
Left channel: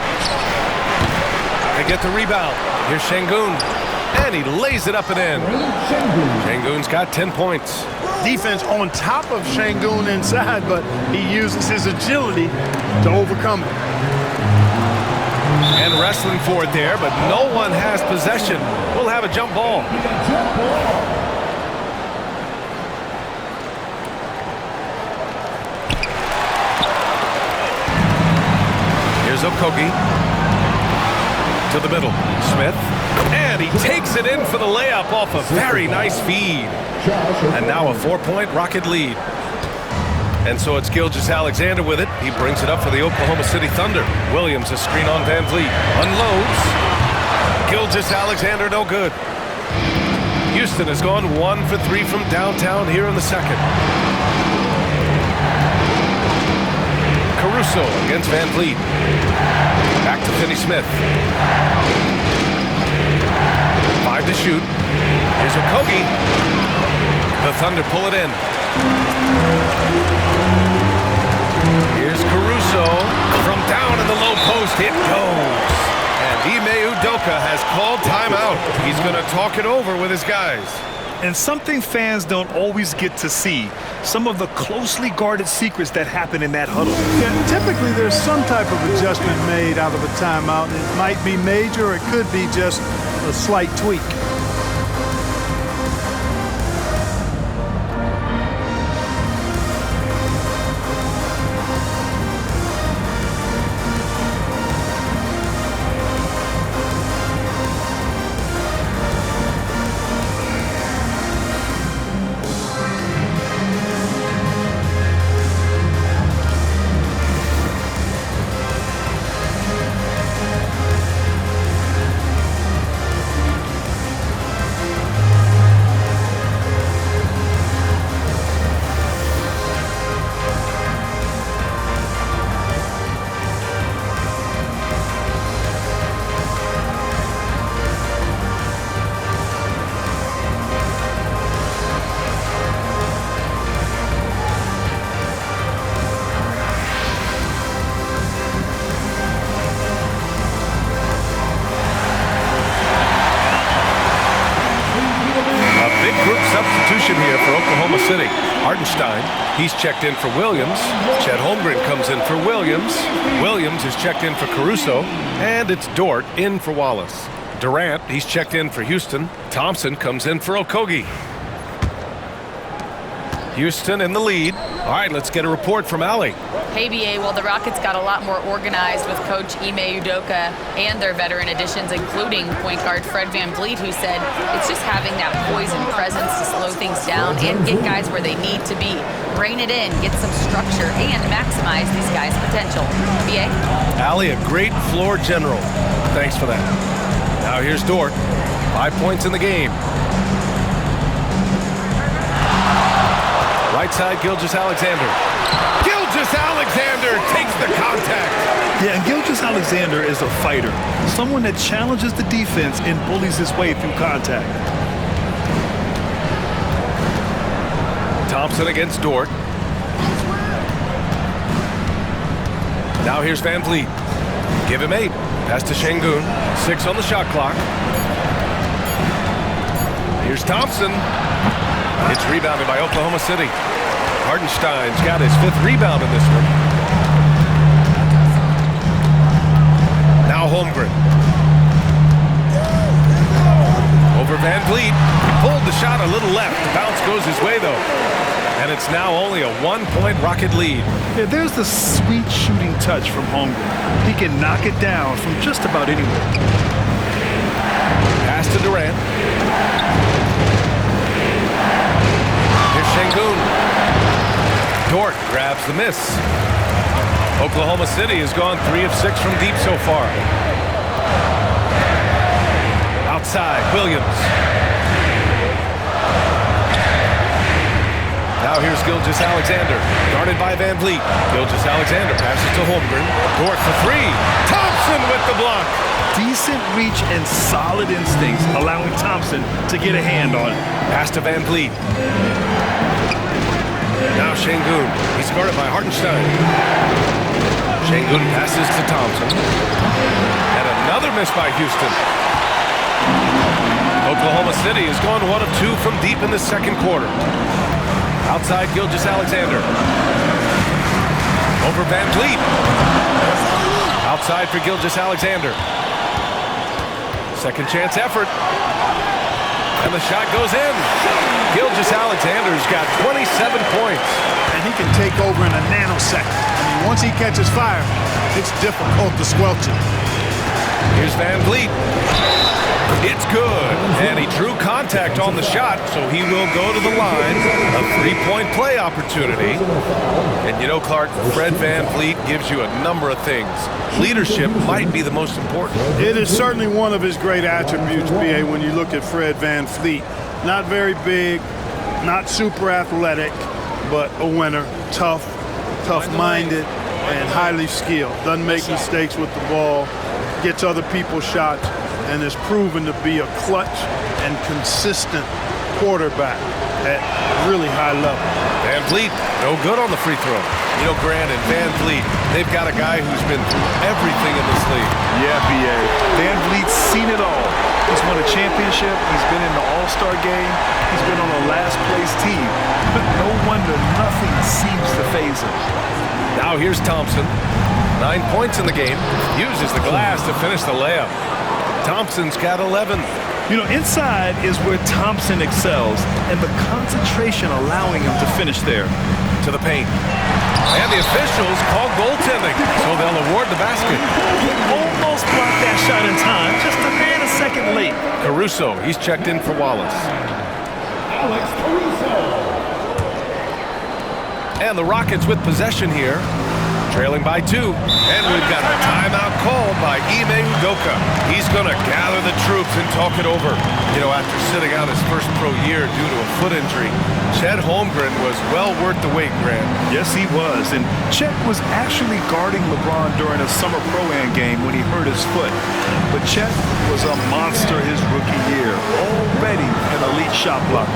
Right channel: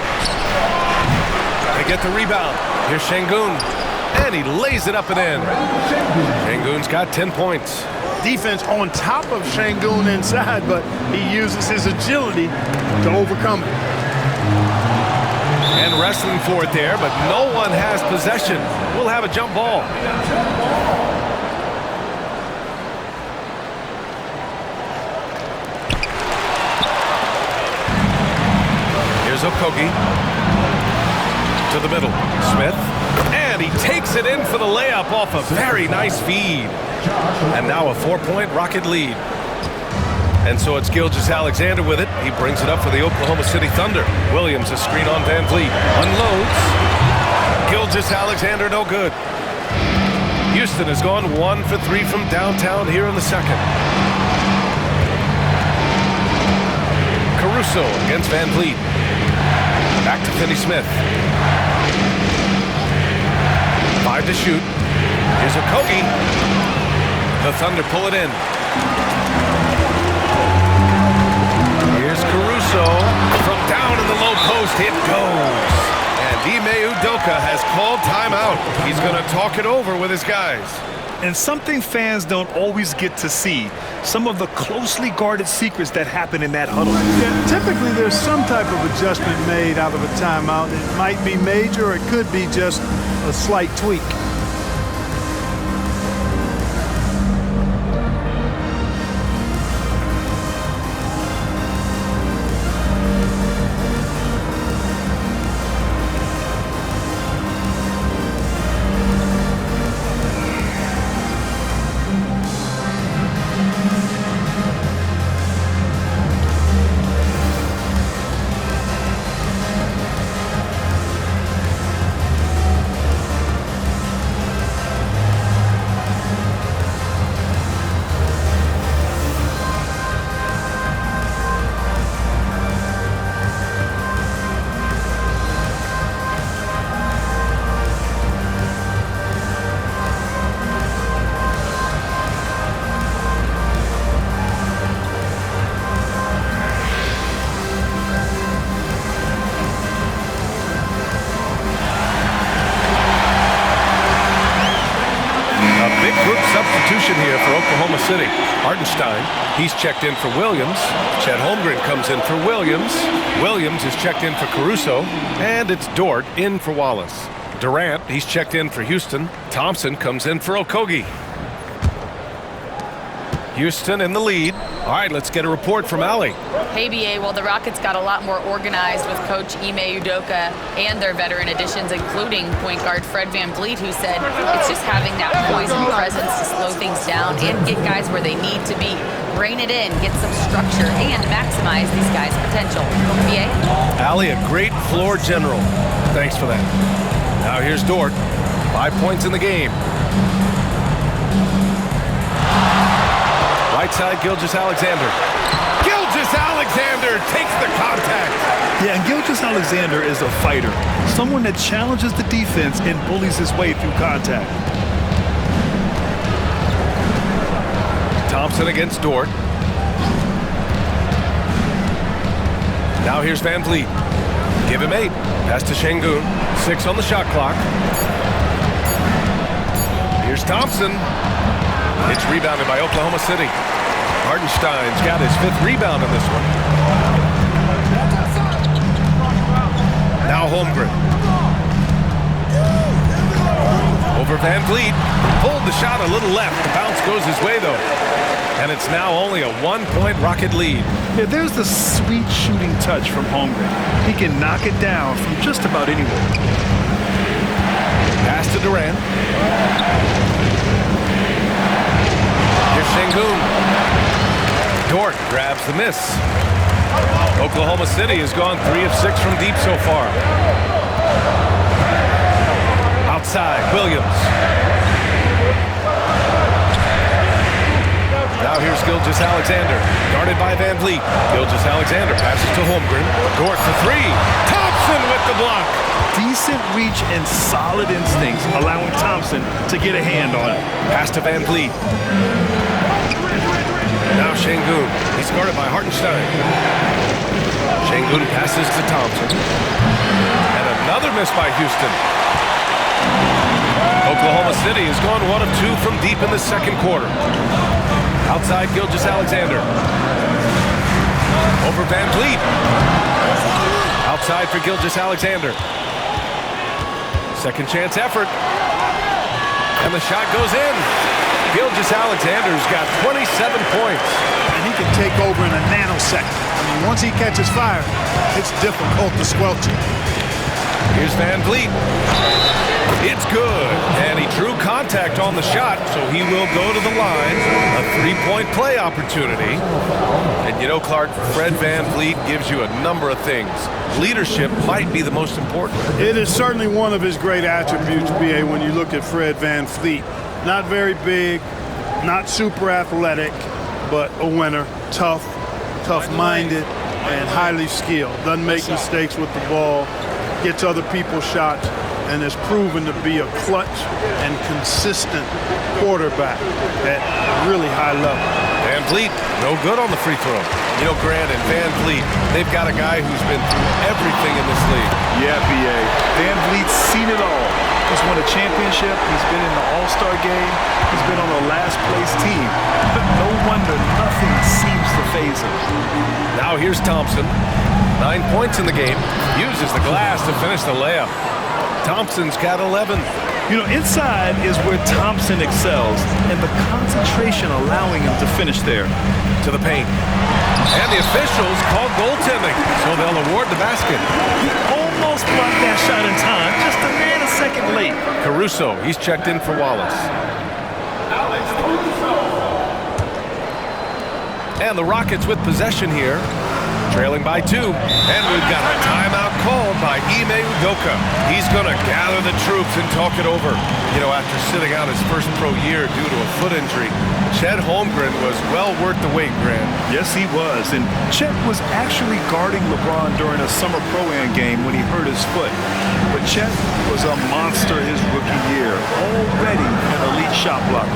They get the rebound. Here's Şengün. And he lays it up and in. Şengün's got 10 points. Defense on top of Şengün inside, but he uses his agility to overcome it. And wrestling for it there, but no one has possession. We'll have a jump ball. Here's Okogie. To the middle. Smith. And he takes it in for the layup off a very nice feed. And now a 4-point Rocket lead. And so it's Gilgeous-Alexander with it. He brings it up for the Oklahoma City Thunder. Williams, a screen on Van Vliet. Unloads. Gilgeous-Alexander no good. Houston has gone 1 for 3 from downtown here in the second. Caruso against Van Vliet. Back to Finney-Smith. 5 to shoot. Here's Okogie. The Thunder pull it in. Here's Caruso. From down in the low post, it goes. And Ime Udoka has called timeout. He's going to talk it over with his guys. And something fans don't always get to see, some of the closely guarded secrets that happen in that huddle. Yeah, typically there's some type of adjustment made out of a timeout. It might be major, or it could be just a slight tweak. Big group substitution here for Oklahoma City. Hartenstein, he's checked in for Williams. Chet Holmgren comes in for Williams. Williams is checked in for Caruso. And it's Dort in for Wallace. Durant, he's checked in for Houston. Thompson comes in for Okogie. Houston in the lead. All right, let's get a report from Allie. Hey, BA, well, the Rockets got a lot more organized with Coach Ime Udoka and their veteran additions, including point guard Fred Van Vliet, who said it's just having that poise and presence to slow things down and get guys where they need to be. Rein it in, get some structure, and maximize these guys' potential. BA? Allie, a great floor general. Thanks for that. Now here's Dort. 5 points in the game. Right side, Gilgeous-Alexander. Gilgeous-Alexander takes the contact. Yeah, and Gilgeous-Alexander is a fighter, someone that challenges the defense and bullies his way through contact. Thompson against Dort. Now here's Van Vliet. Give him 8. Pass to Şengün. 6 on the shot clock. Here's Thompson. It's rebounded by Oklahoma City. Hartenstein's got his 5th rebound in this one. Now Holmgren. Over Van Vliet. Pulled the shot a little left. The bounce goes his way, though. And it's now only a 1-point Rocket lead. Yeah, there's the sweet shooting touch from Holmgren. He can knock it down from just about anywhere. Pass to Durant. Here's Şengün. Dort grabs the miss. Oklahoma City has gone 3 of 6 from deep so far. Outside, Williams. Now here's Gilgeous-Alexander, guarded by Van Vliet. Gilgeous-Alexander passes to Holmgren. Dort for 3. Thompson with the block. Decent reach and solid instincts, allowing Thompson to get a hand on it. Pass to Van Vliet. Now Şengün. He's guarded by Hartenstein. Şengün passes to Thompson. And another miss by Houston. Oklahoma City has gone 1 of 2 from deep in the second quarter. Outside, Gilgeous-Alexander. Over Van Vliet. Outside for Gilgeous-Alexander. Second chance effort. And the shot goes in. Gilgeous-Alexander's got 27 points. And he can take over in a nanosecond. I mean, once he catches fire, it's difficult to squelch it. Here's Van Vliet. It's good. And he drew contact on the shot, so he will go to the line. A 3-point play opportunity. And you know, Clark, Fred Van Vliet gives you a number of things. Leadership might be the most important. It is certainly one of his great attributes, B.A., when you look at Fred Van Vliet. Not very big, not super athletic, but a winner, tough-minded, and highly skilled. Doesn't make mistakes with the ball, gets other people's shots, and is proven to be a clutch and consistent quarterback at really high level. Van Vliet, no good on the free throw. You know, Grant and Van Vliet, they've got a guy who's been through everything in this league. Yeah, B.A. Van Vliet's seen it all. He's won a championship. He's been in the All-Star game. He's been on a last-place team. No wonder nothing seems to faze him. Now here's Thompson. 9 points in the game. Uses the glass to finish the layup. Thompson's got 11. You know, inside is where Thompson excels, and the concentration allowing him to finish there. To the paint. And the officials call goaltending, so they'll award the basket. He almost blocked that shot in time, just a nanosecond late. Caruso, he's checked in for Wallace. Alex Caruso. And the Rockets with possession here, trailing by 2. And we've got a timeout called by Ime Udoka. He's going to gather the troops and talk it over. You know, after sitting out his first pro year due to a foot injury, Chet Holmgren was well worth the wait, Grant. Yes, he was. And Chet was actually guarding LeBron during a summer Pro-Am game when he hurt his foot. But Chet was a monster his rookie year, already an elite shot blocker.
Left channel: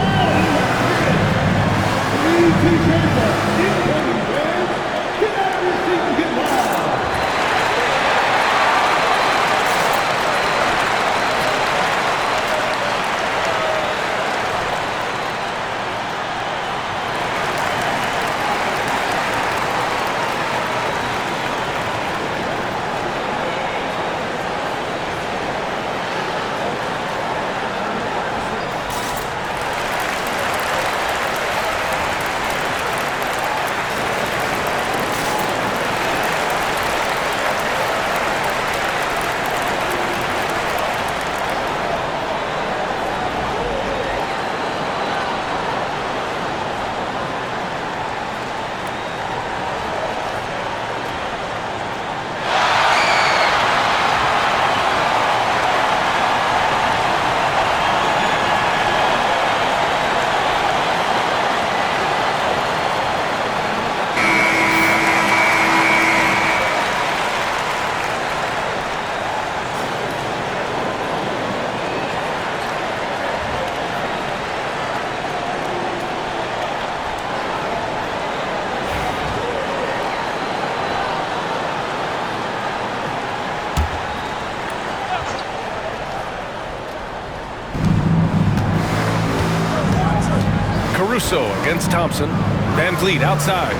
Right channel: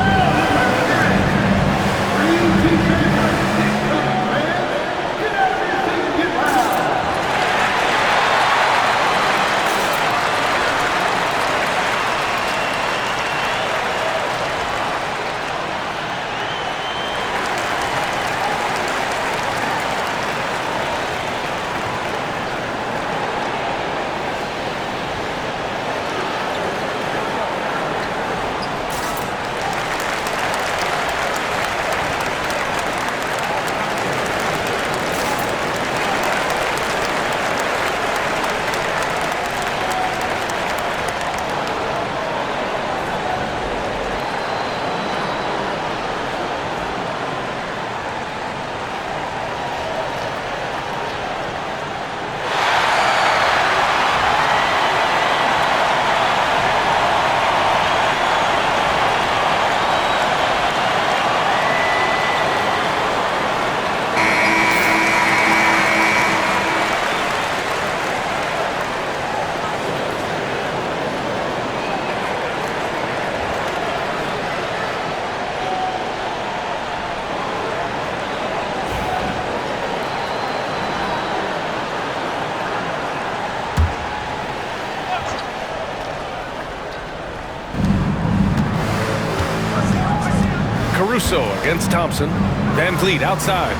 Caruso against Thompson. Van Vliet outside.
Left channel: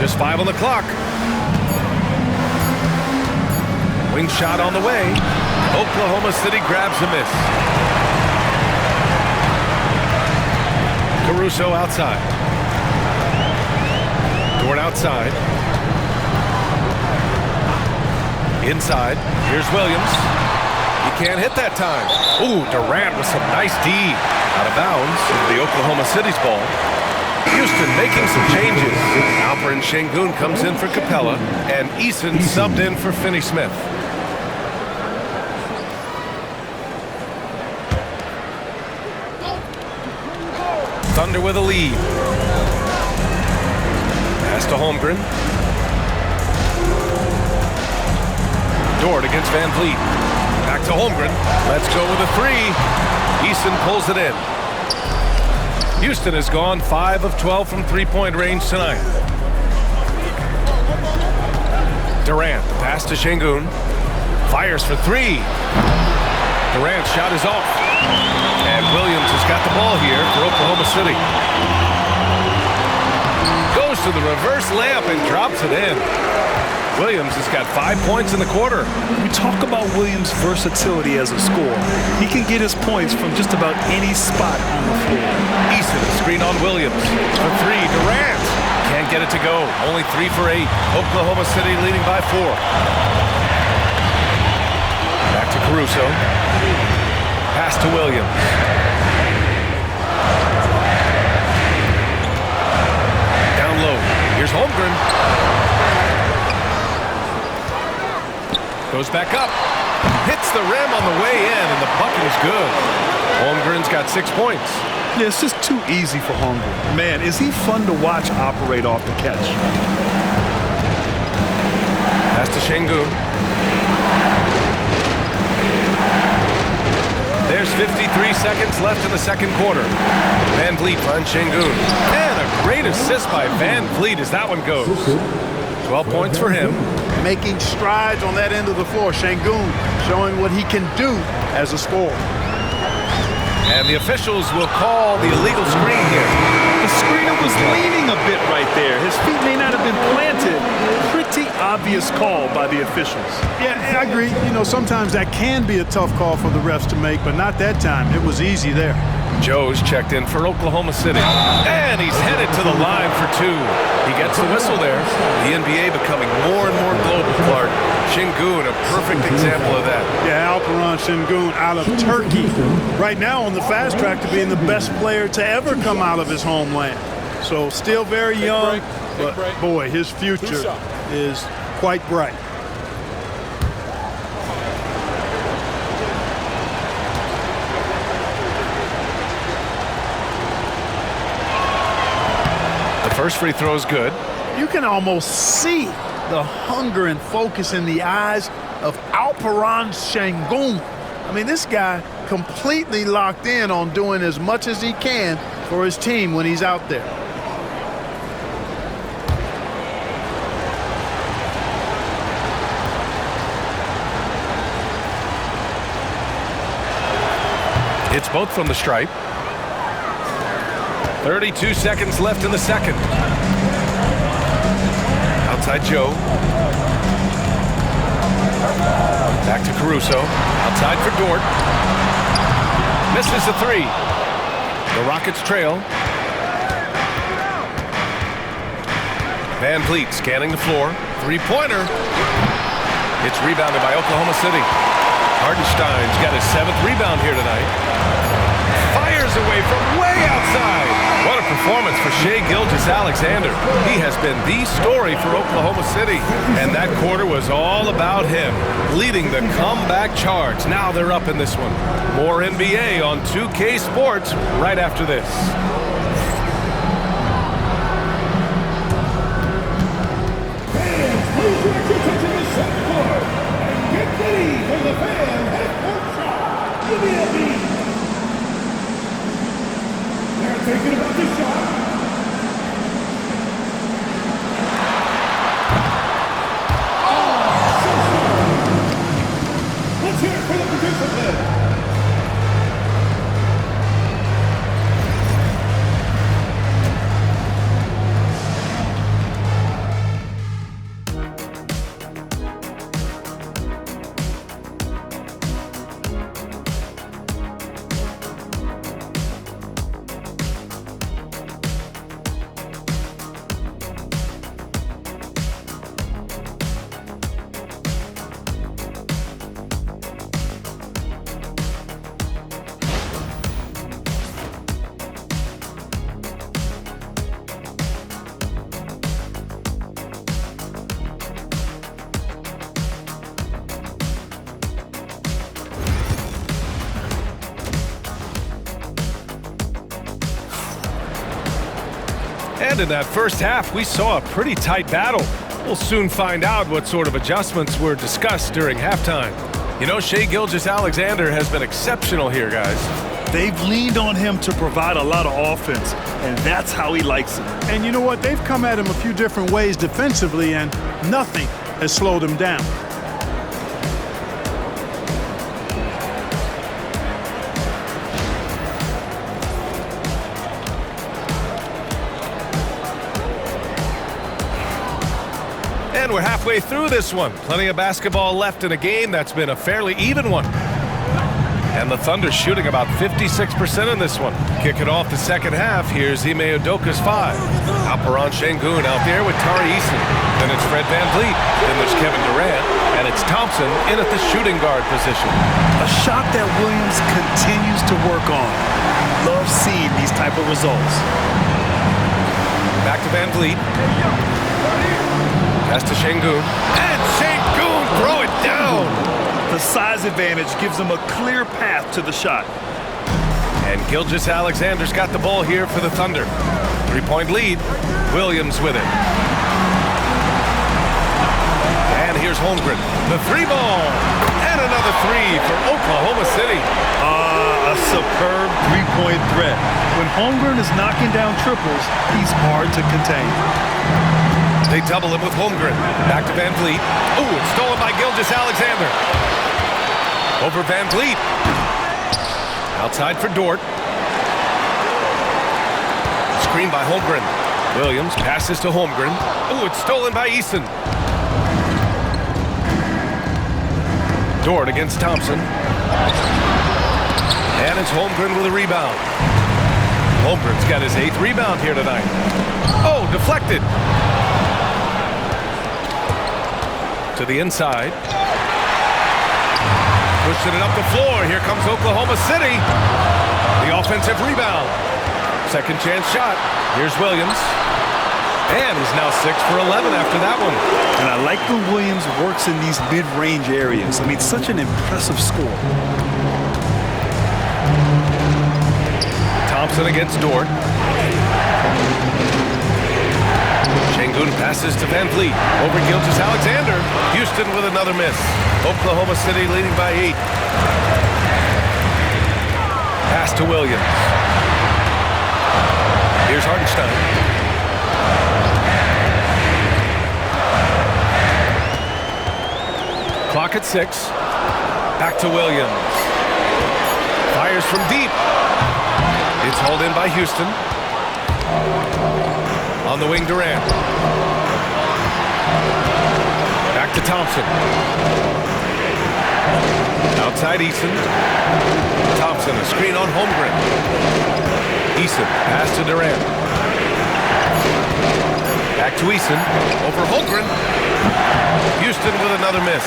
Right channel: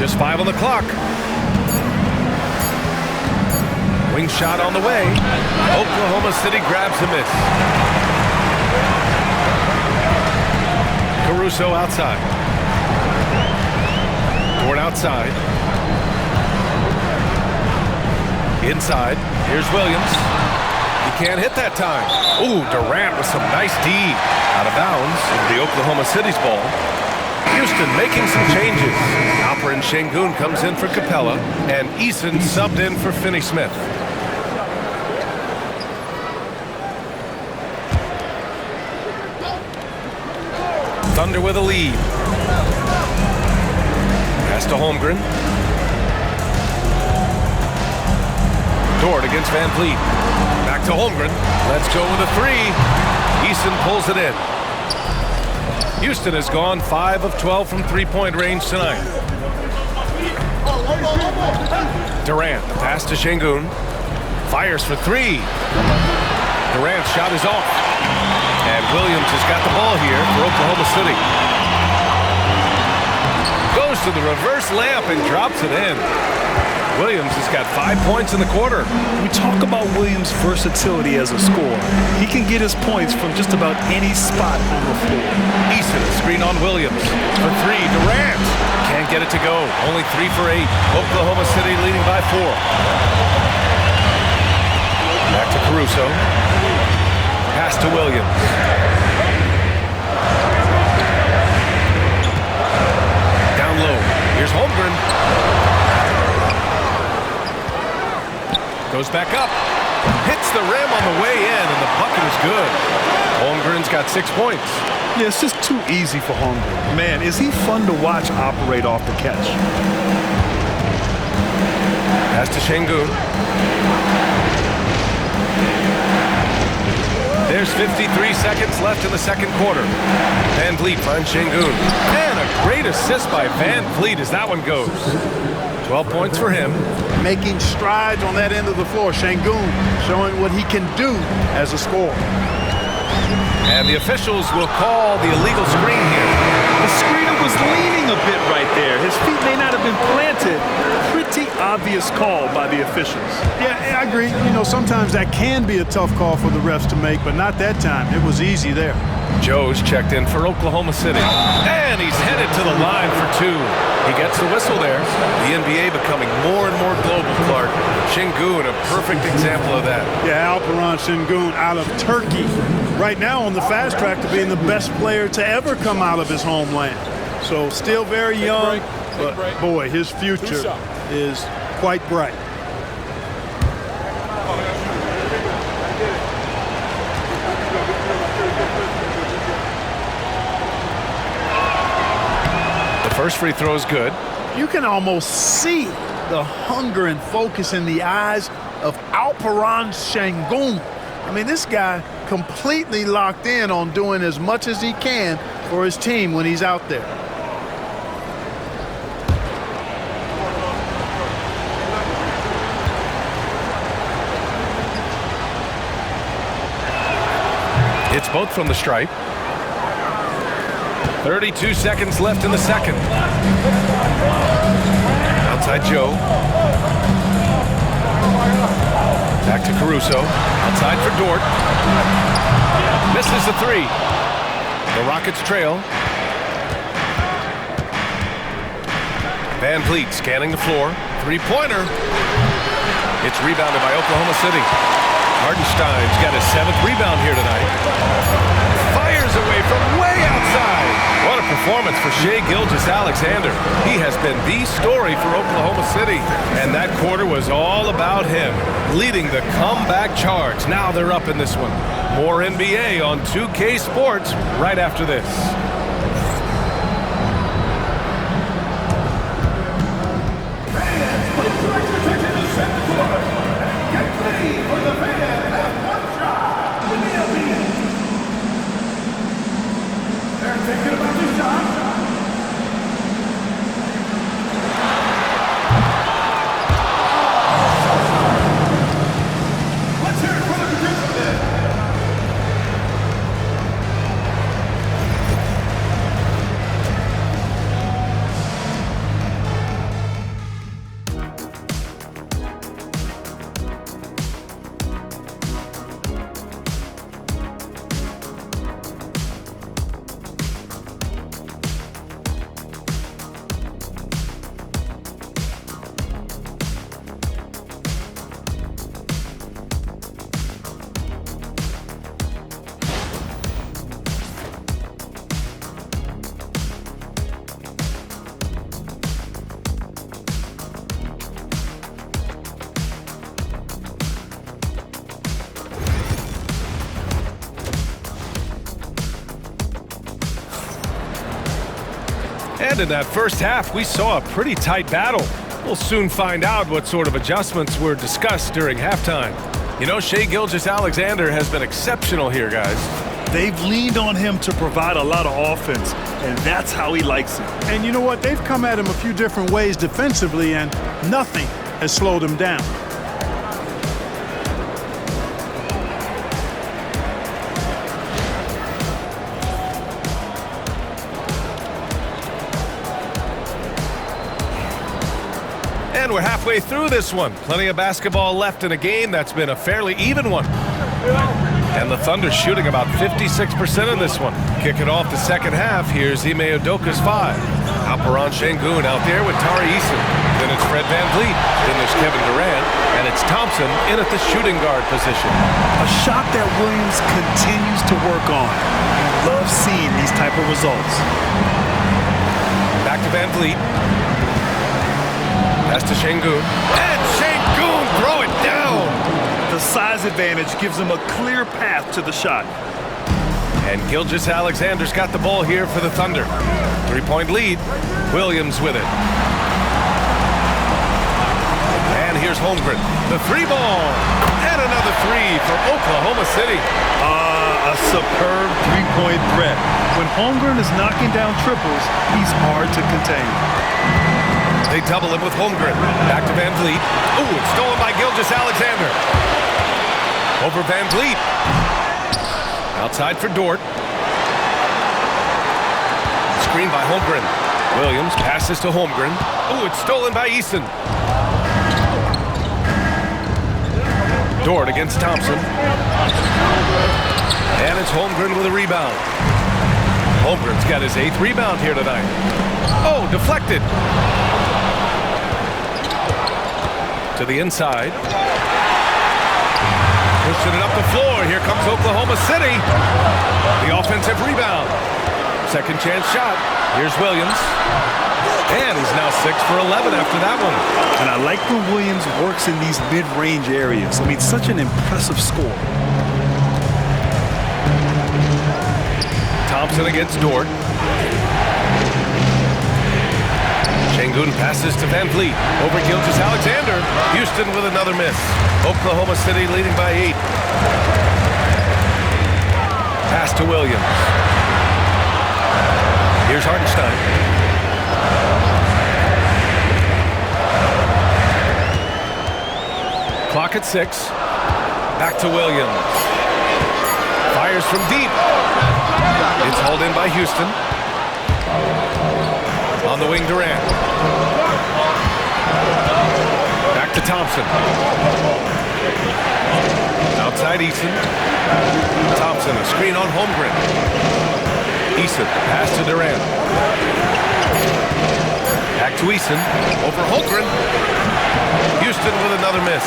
Just 5 on the clock. Wing shot on the way. Oklahoma City grabs a miss. Caruso outside. Dort outside. Inside. Here's Williams. He can't hit that time. Ooh, Durant with some nice D. Out of bounds into the Oklahoma City's ball. Houston making some changes. Alperen Sengun comes in for Capella, and Eason subbed in for Finney-Smith. Thunder with a lead. Pass to Holmgren. Dort against Van Vliet. Back to Holmgren. Let's go with a 3. Eason pulls it in. Houston has gone 5 of 12 from three-point range tonight. Durant, the pass to Sengun. Fires for 3. Durant's shot is off. And Williams has got the ball here for Oklahoma City. Goes to the reverse layup and drops it in. Williams has got 5 points in the quarter. We talk about Williams' versatility as a scorer. He can get his points from just about any spot on the floor. Eason, a screen on Williams. For 3, Durant. Can't get it to go. Only 3 for 8. Oklahoma City leading by 4. Back to Caruso. Pass to Williams. Down low. Here's Holmgren. Goes back up. Hits the rim on the way in, and the bucket is good. Holmgren's got 6 points. Yeah, it's just too easy for Holmgren. Man, is he fun to watch operate off the catch. Pass to Sengun. There's 53 seconds left in the second quarter. Van Vliet finds Sengun. And a great assist by Van Vliet as that one goes. 12 points for him. Making strides on that end of the floor. Sengun showing what he can do as a scorer. And the officials will call the illegal screen here. The screener was leaning a bit right there. His feet may not have been planted. Pretty obvious call by the officials. Yeah, I agree. You know, sometimes that can be a tough call for the refs to make, but not that time. It was easy there. Joe's checked in for Oklahoma City. And he's headed to the line for 2. He gets the whistle there. The NBA becoming more and more global, Clark. Sengun, a perfect example of that. Yeah, Alperen Sengun out of Turkey. Right now on the fast track to being the best player to ever come out of his homeland. So still very young, but boy, his future is quite bright. First free throw is good. You can almost see the hunger and focus in the eyes of Alperen Sengun. I mean, this guy completely locked in on doing as much as he can for his team when he's out there. It's both from the stripe. 32 seconds left in the second. Outside Joe. Back to Caruso. Outside for Dort. Misses the 3. The Rockets trail. Van Vliet scanning the floor. 3-pointer. It's rebounded by Oklahoma City. Hartenstein's got his 7th rebound here tonight. Fires away from way outside. What a performance for Shai Gilgeous-Alexander. He has been the story for Oklahoma City. And that quarter was all about him, leading the comeback charge. Now they're up in this one. More NBA on 2K Sports right after this. Fans, please direct your attention to center court and get ready for the fan half-court shot. Give me a beat. They're thinking about this shot. Let's hear it for the participant. And in that first half, we saw a pretty tight battle. We'll soon find out what sort of adjustments were discussed during halftime. You know, Shai Gilgeous-Alexander has been exceptional here, guys. They've leaned on him to provide a lot of offense, and that's how he likes it. And you know what? They've come at him a few different ways defensively, and nothing has slowed him down. And we're halfway through this one. Plenty of basketball left in a game that's been a fairly even one. And the Thunder shooting about 56% in this one. Kick it off the second half. Here's Ime Udoka's 5. Alperen Sengun out there with Tari Eason. Then it's Fred VanVleet. Then there's Kevin Durant. And it's Thompson in at the shooting guard position. A shot that Williams continues to work on. You love seeing these type of results. Back to VanVleet. Pass to Sengun. And Sengun throw it down. The size advantage gives him a clear path to the shot. And Gilgeous-Alexander's got the ball here for the Thunder. 3-point lead. Williams with it. And here's Holmgren. The 3-ball. And another 3 for Oklahoma City. A superb 3-point threat. When Holmgren is knocking down triples, he's hard to contain. They double him with Holmgren. Back to VanVleet. Ooh, it's stolen by Gilgeous-Alexander. Over VanVleet. Outside for Dort. Screen by Holmgren. Williams passes to Holmgren. Ooh, it's stolen by Eason. Dort against Thompson. And it's Holmgren with a rebound. Holmgren's got his 8th rebound here tonight. Oh, deflected. To the inside. Pushing it up the floor. Here comes Oklahoma City. The offensive rebound. Second chance shot. Here's Williams. And he's now 6 for 11 after that one. And I like when Williams works in these mid-range areas. I mean, such an impressive score. Thompson against Dort. Sengun passes to VanVleet. Over Gilgeous-Alexander. Houston with another miss. Oklahoma City leading by 8. Pass to Williams. Here's Hartenstein. Clock at 6. Back to Williams. Fires from deep. It's hauled in by Houston. On the wing, Durant. Back to Thompson. Outside Eason. Thompson, a screen on Holmgren. Eason, pass to Durant. Back to Eason. Over Holmgren. Houston with another miss.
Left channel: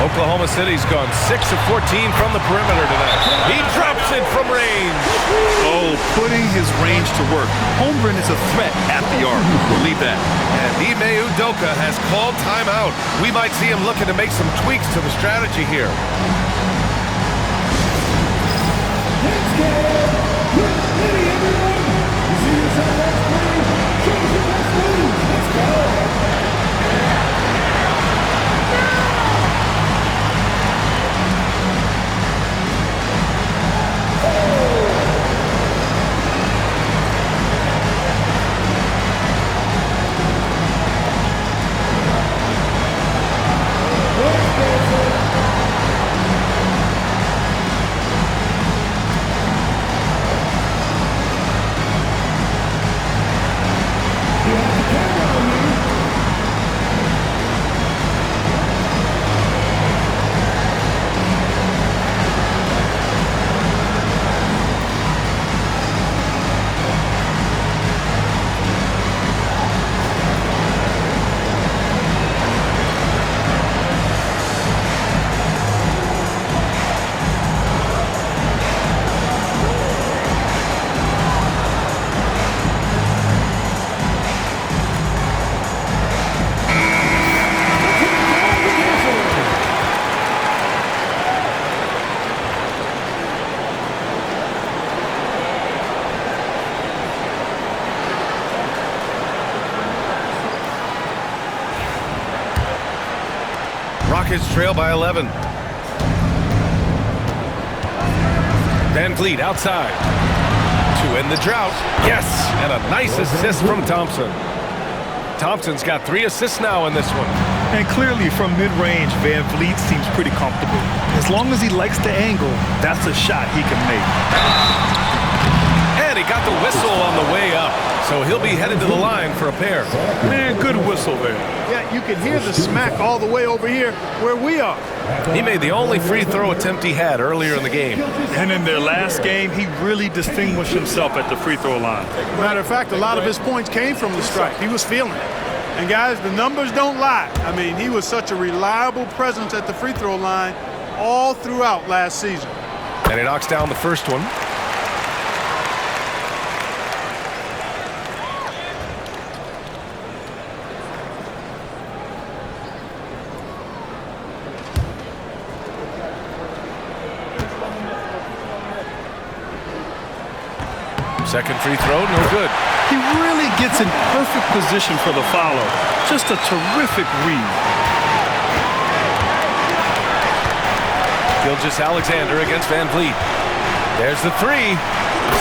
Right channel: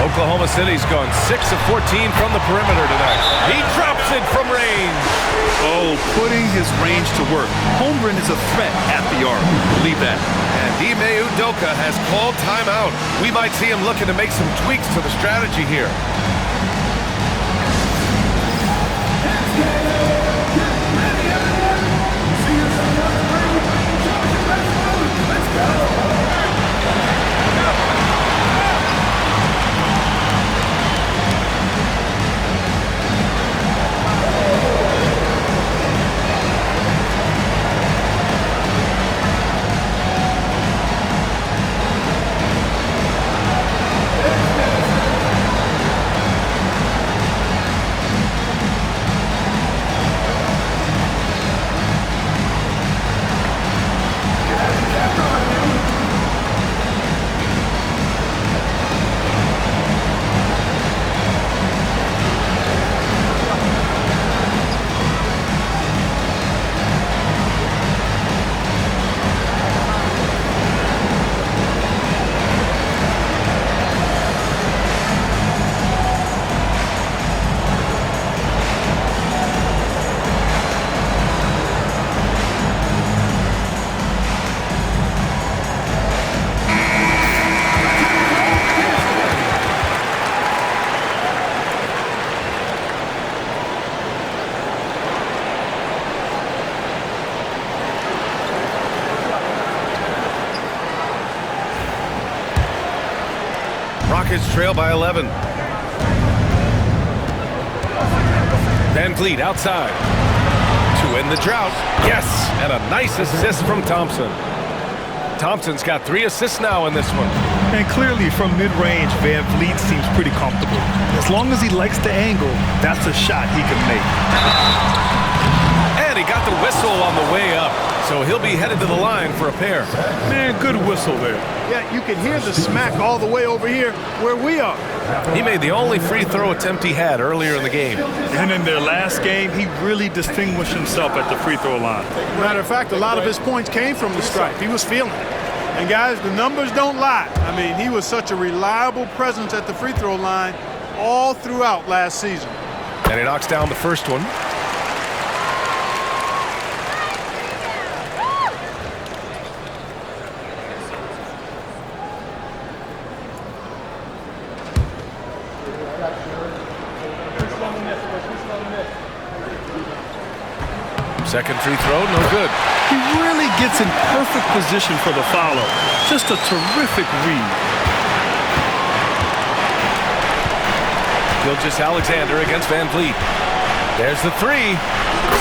Oklahoma City's gone 6 of 14 from the perimeter tonight. He drops it from range. Oh, putting his range to work. Holmgren is a threat at the arc. Believe that. And Ime Udoka has called timeout. We might see him looking to make some tweaks to the strategy here. Get ready, everyone. You see yourself on screen. Show us your best move. Let's go. Rockets trail by 11. Van Vliet outside to end the drought. Yes, and a nice assist from Thompson. Thompson's got 3 assists now in this one. And clearly from mid-range, Van Vliet seems pretty comfortable. As long as he likes the angle, that's a shot he can make. And he got the whistle on the way up, so he'll be headed to the line for a pair. Man, good whistle there. Yeah, you can hear the smack all the way over here where we are. He made the only free throw attempt he had earlier in the game. And in their last game, he really distinguished himself at the free throw line. Matter of fact, a lot of his points came from the stripe. He was feeling it. And guys, the numbers don't lie. I mean, he was such a reliable presence at the free throw line all throughout last season. And he knocks down the first one. Second free throw, no good. He really gets in perfect position for the follow. Just a terrific read. Gilgeous-Alexander against Van Vliet. There's the 3.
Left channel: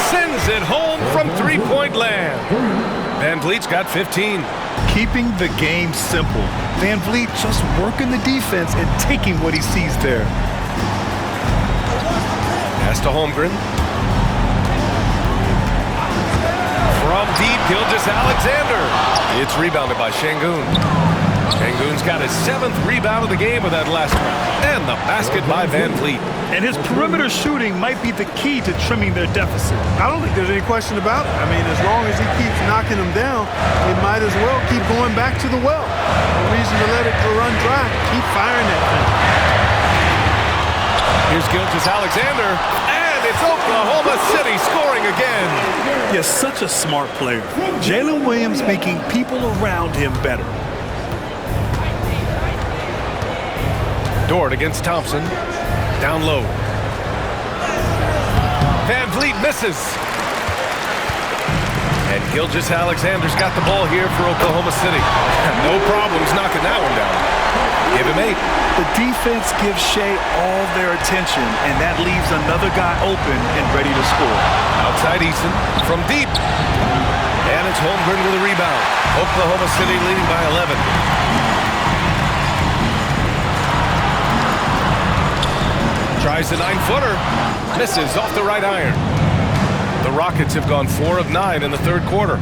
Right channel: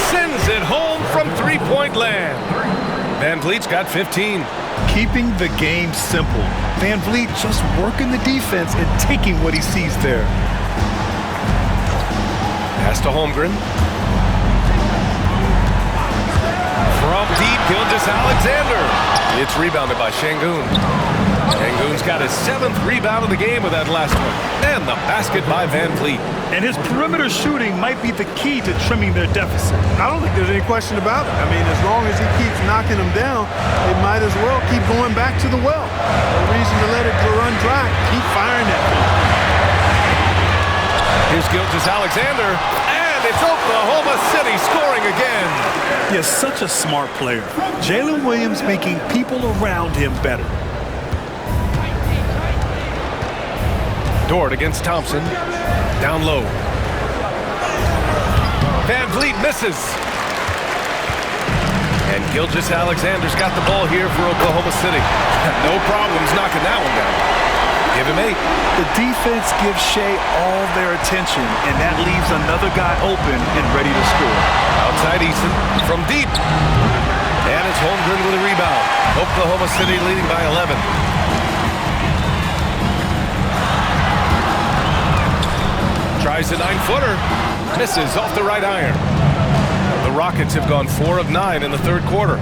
Sends it home from three-point land. Van Vliet's got 15. Keeping the game simple. Van Vliet just working the defense and taking what he sees there. Pass to Holmgren. From deep, Gilgeous-Alexander. It's rebounded by Şengün. Şengün's got his 7th rebound of the game with that last one. And the basket by Van Vliet. And his perimeter shooting might be the key to trimming their deficit. I don't think there's any question about it. I mean, as long as he keeps knocking them down, they might as well keep going back to the well. No reason to let it run dry. Keep firing that thing. Here's Gilgeous-Alexander. And it's Oklahoma City scoring again. Yes, such a smart player. Jalen Williams making people around him better. Dort against Thompson. Down low. Van Vliet misses. And Gilgeous-Alexander's got the ball here for Oklahoma City. No problems knocking that one down. Give him 8. The defense gives Shea all their attention, and that leaves another guy open and ready to score. Outside Eason from deep. And it's Holmgren with a rebound. Oklahoma City leading by 11. Tries the 9-footer. Misses off the right iron. The Rockets have gone 4 of 9 in the third quarter.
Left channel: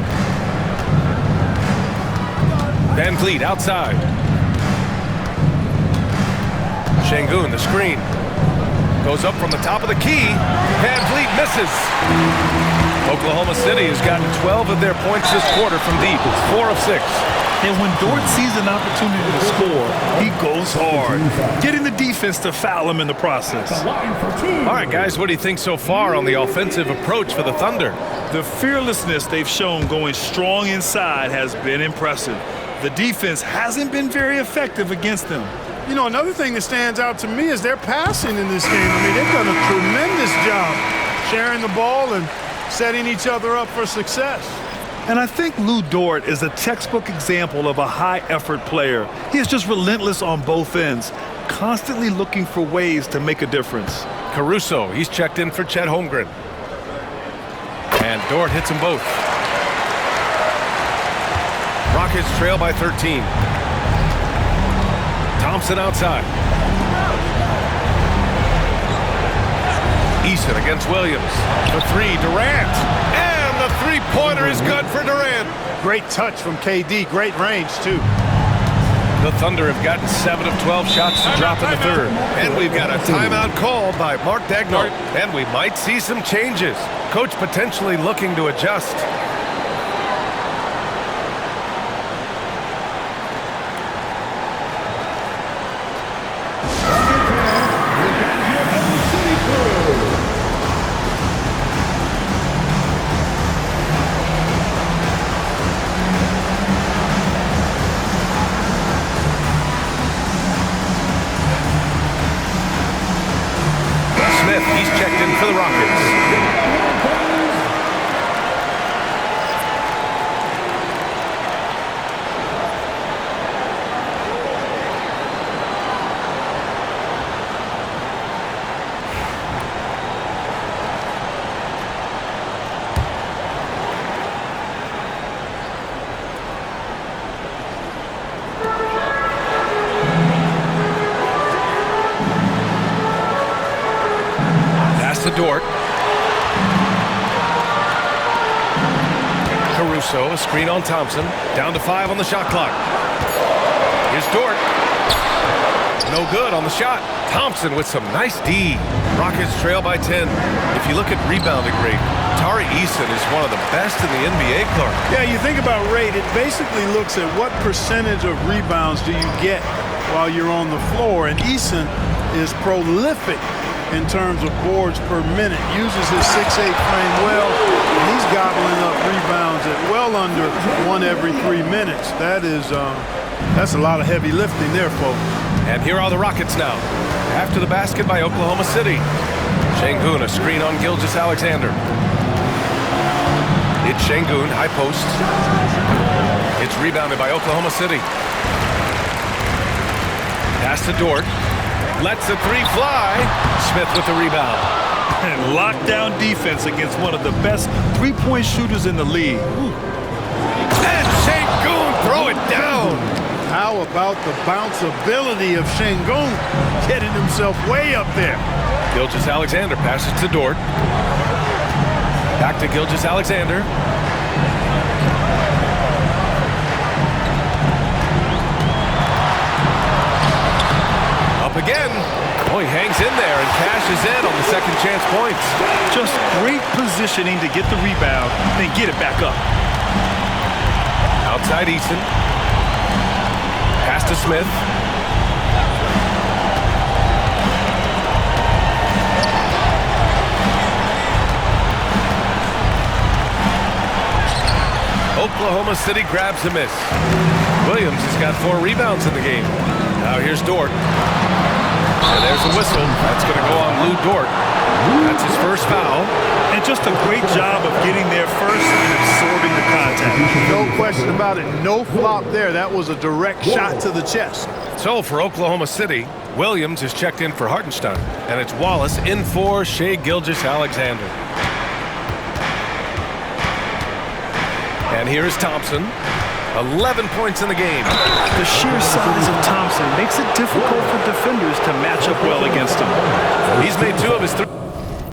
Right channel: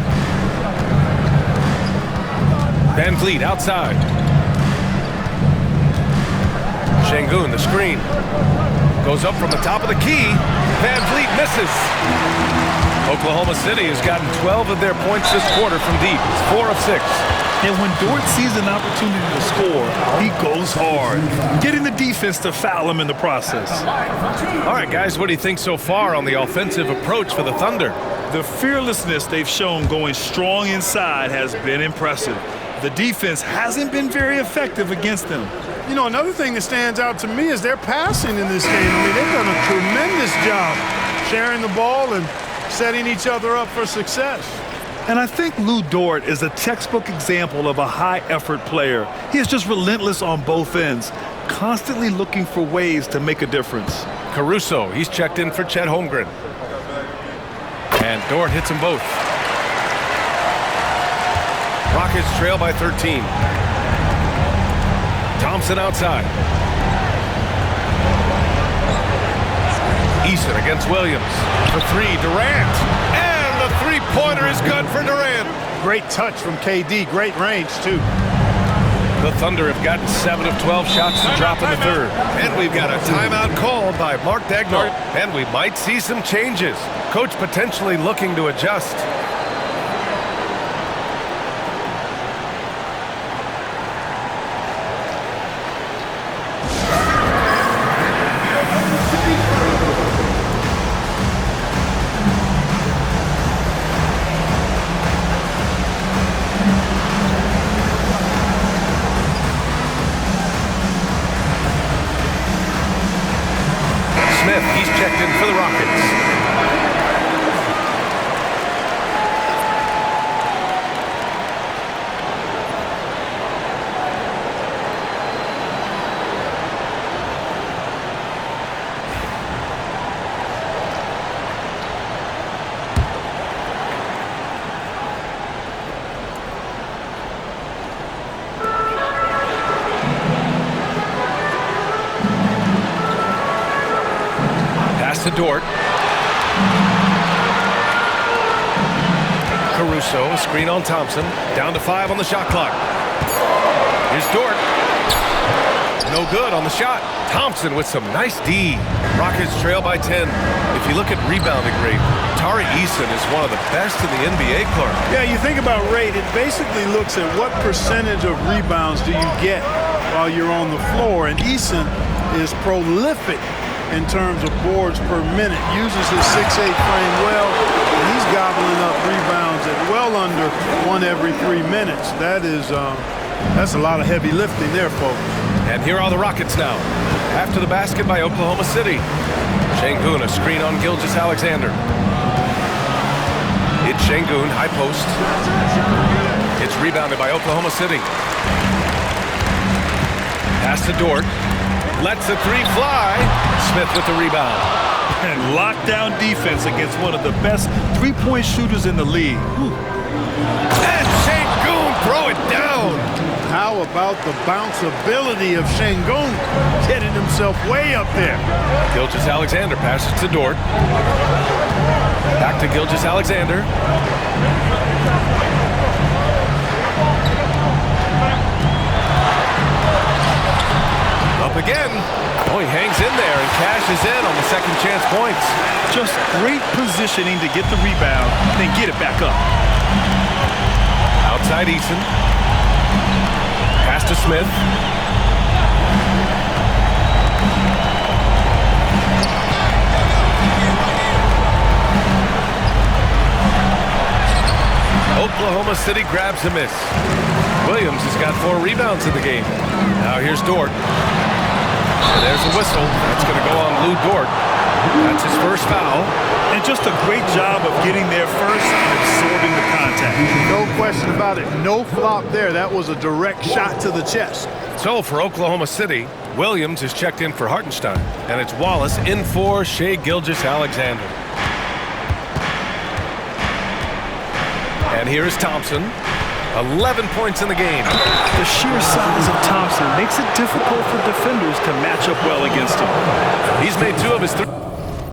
Van Vliet outside. Şengün, the screen. Goes up from the top of the key. Van Vliet misses. Oklahoma City has gotten 12 of their points this quarter from deep. It's 4 of 6. And when Dort sees an opportunity to score, he goes hard, getting the defense to foul him in the process. All right, guys, what do you think so far on the offensive approach for the Thunder? The fearlessness they've shown going strong inside has been impressive. The defense hasn't been very effective against them. You know, another thing that stands out to me is their passing in this game. I mean, they've done a tremendous job sharing the ball and setting each other up for success. And I think Lu Dort is a textbook example of a high-effort player. He is just relentless on both ends, constantly looking for ways to make a difference. Caruso, he's checked in for Chet Holmgren. And Dort hits them both. Rockets trail by 13. Thompson outside. Eason against Williams. The 3, Durant. And the three-pointer is good for Durant. Great touch from KD. Great range, too. The Thunder have gotten 7 of 12 shots to drop in the third. And we've got a timeout called by Mark Daigneault. And we might see some changes. Coach potentially looking to adjust. Smith, he's checked in for the Rockets. Pass to Dort. Caruso, a screen on Thompson. Down to 5 on the shot clock. Here's Dort. No good on the shot. Thompson with some nice D. Rockets trail by 10. If you look at rebounding rate, Tari Eason is one of the best in the NBA, Clark. Yeah, you think about rate, it basically looks at what percentage of rebounds do you get while you're on the floor. And Eason is prolific in terms of boards per minute, uses his 6'8" frame well, and he's gobbling up rebounds at well under 1 every 3 minutes. That's a lot of heavy lifting there, folks. And here are the Rockets now. After the basket by Oklahoma City. Şengün, a screen on Gilgeous-Alexander. It's Şengün, high post. It's rebounded by Oklahoma City. Pass to Dort. Lets the 3 fly. Smith with the rebound. And lockdown defense against one of the best three-point shooters in the league. Whew. And Şengün throw it down. How about the bounceability of Şengün getting himself way up there? Gilgeous-Alexander passes to Dort. Back to Gilgeous-Alexander. Up again. Oh, he hangs in there and cashes in on the second chance points. Just great positioning to get the rebound, then get it back up. Outside Eason. Pass to Smith. Oklahoma City grabs a miss. Williams has got 4 rebounds in the game. Now here's Dort. And there's a whistle. That's going to go on Lou Dort. That's his first foul. And just a great job of getting there first and absorbing the contact. No question about it. No flop there. That was a direct shot to the chest. So for Oklahoma City, Williams is checked in for Hartenstein. And it's Wallace in for Shai Gilgeous-Alexander. And here's Thompson. 11 points in the game. The sheer size of Thompson makes it difficult for defenders to match up well against him. He's made 2 of his 3.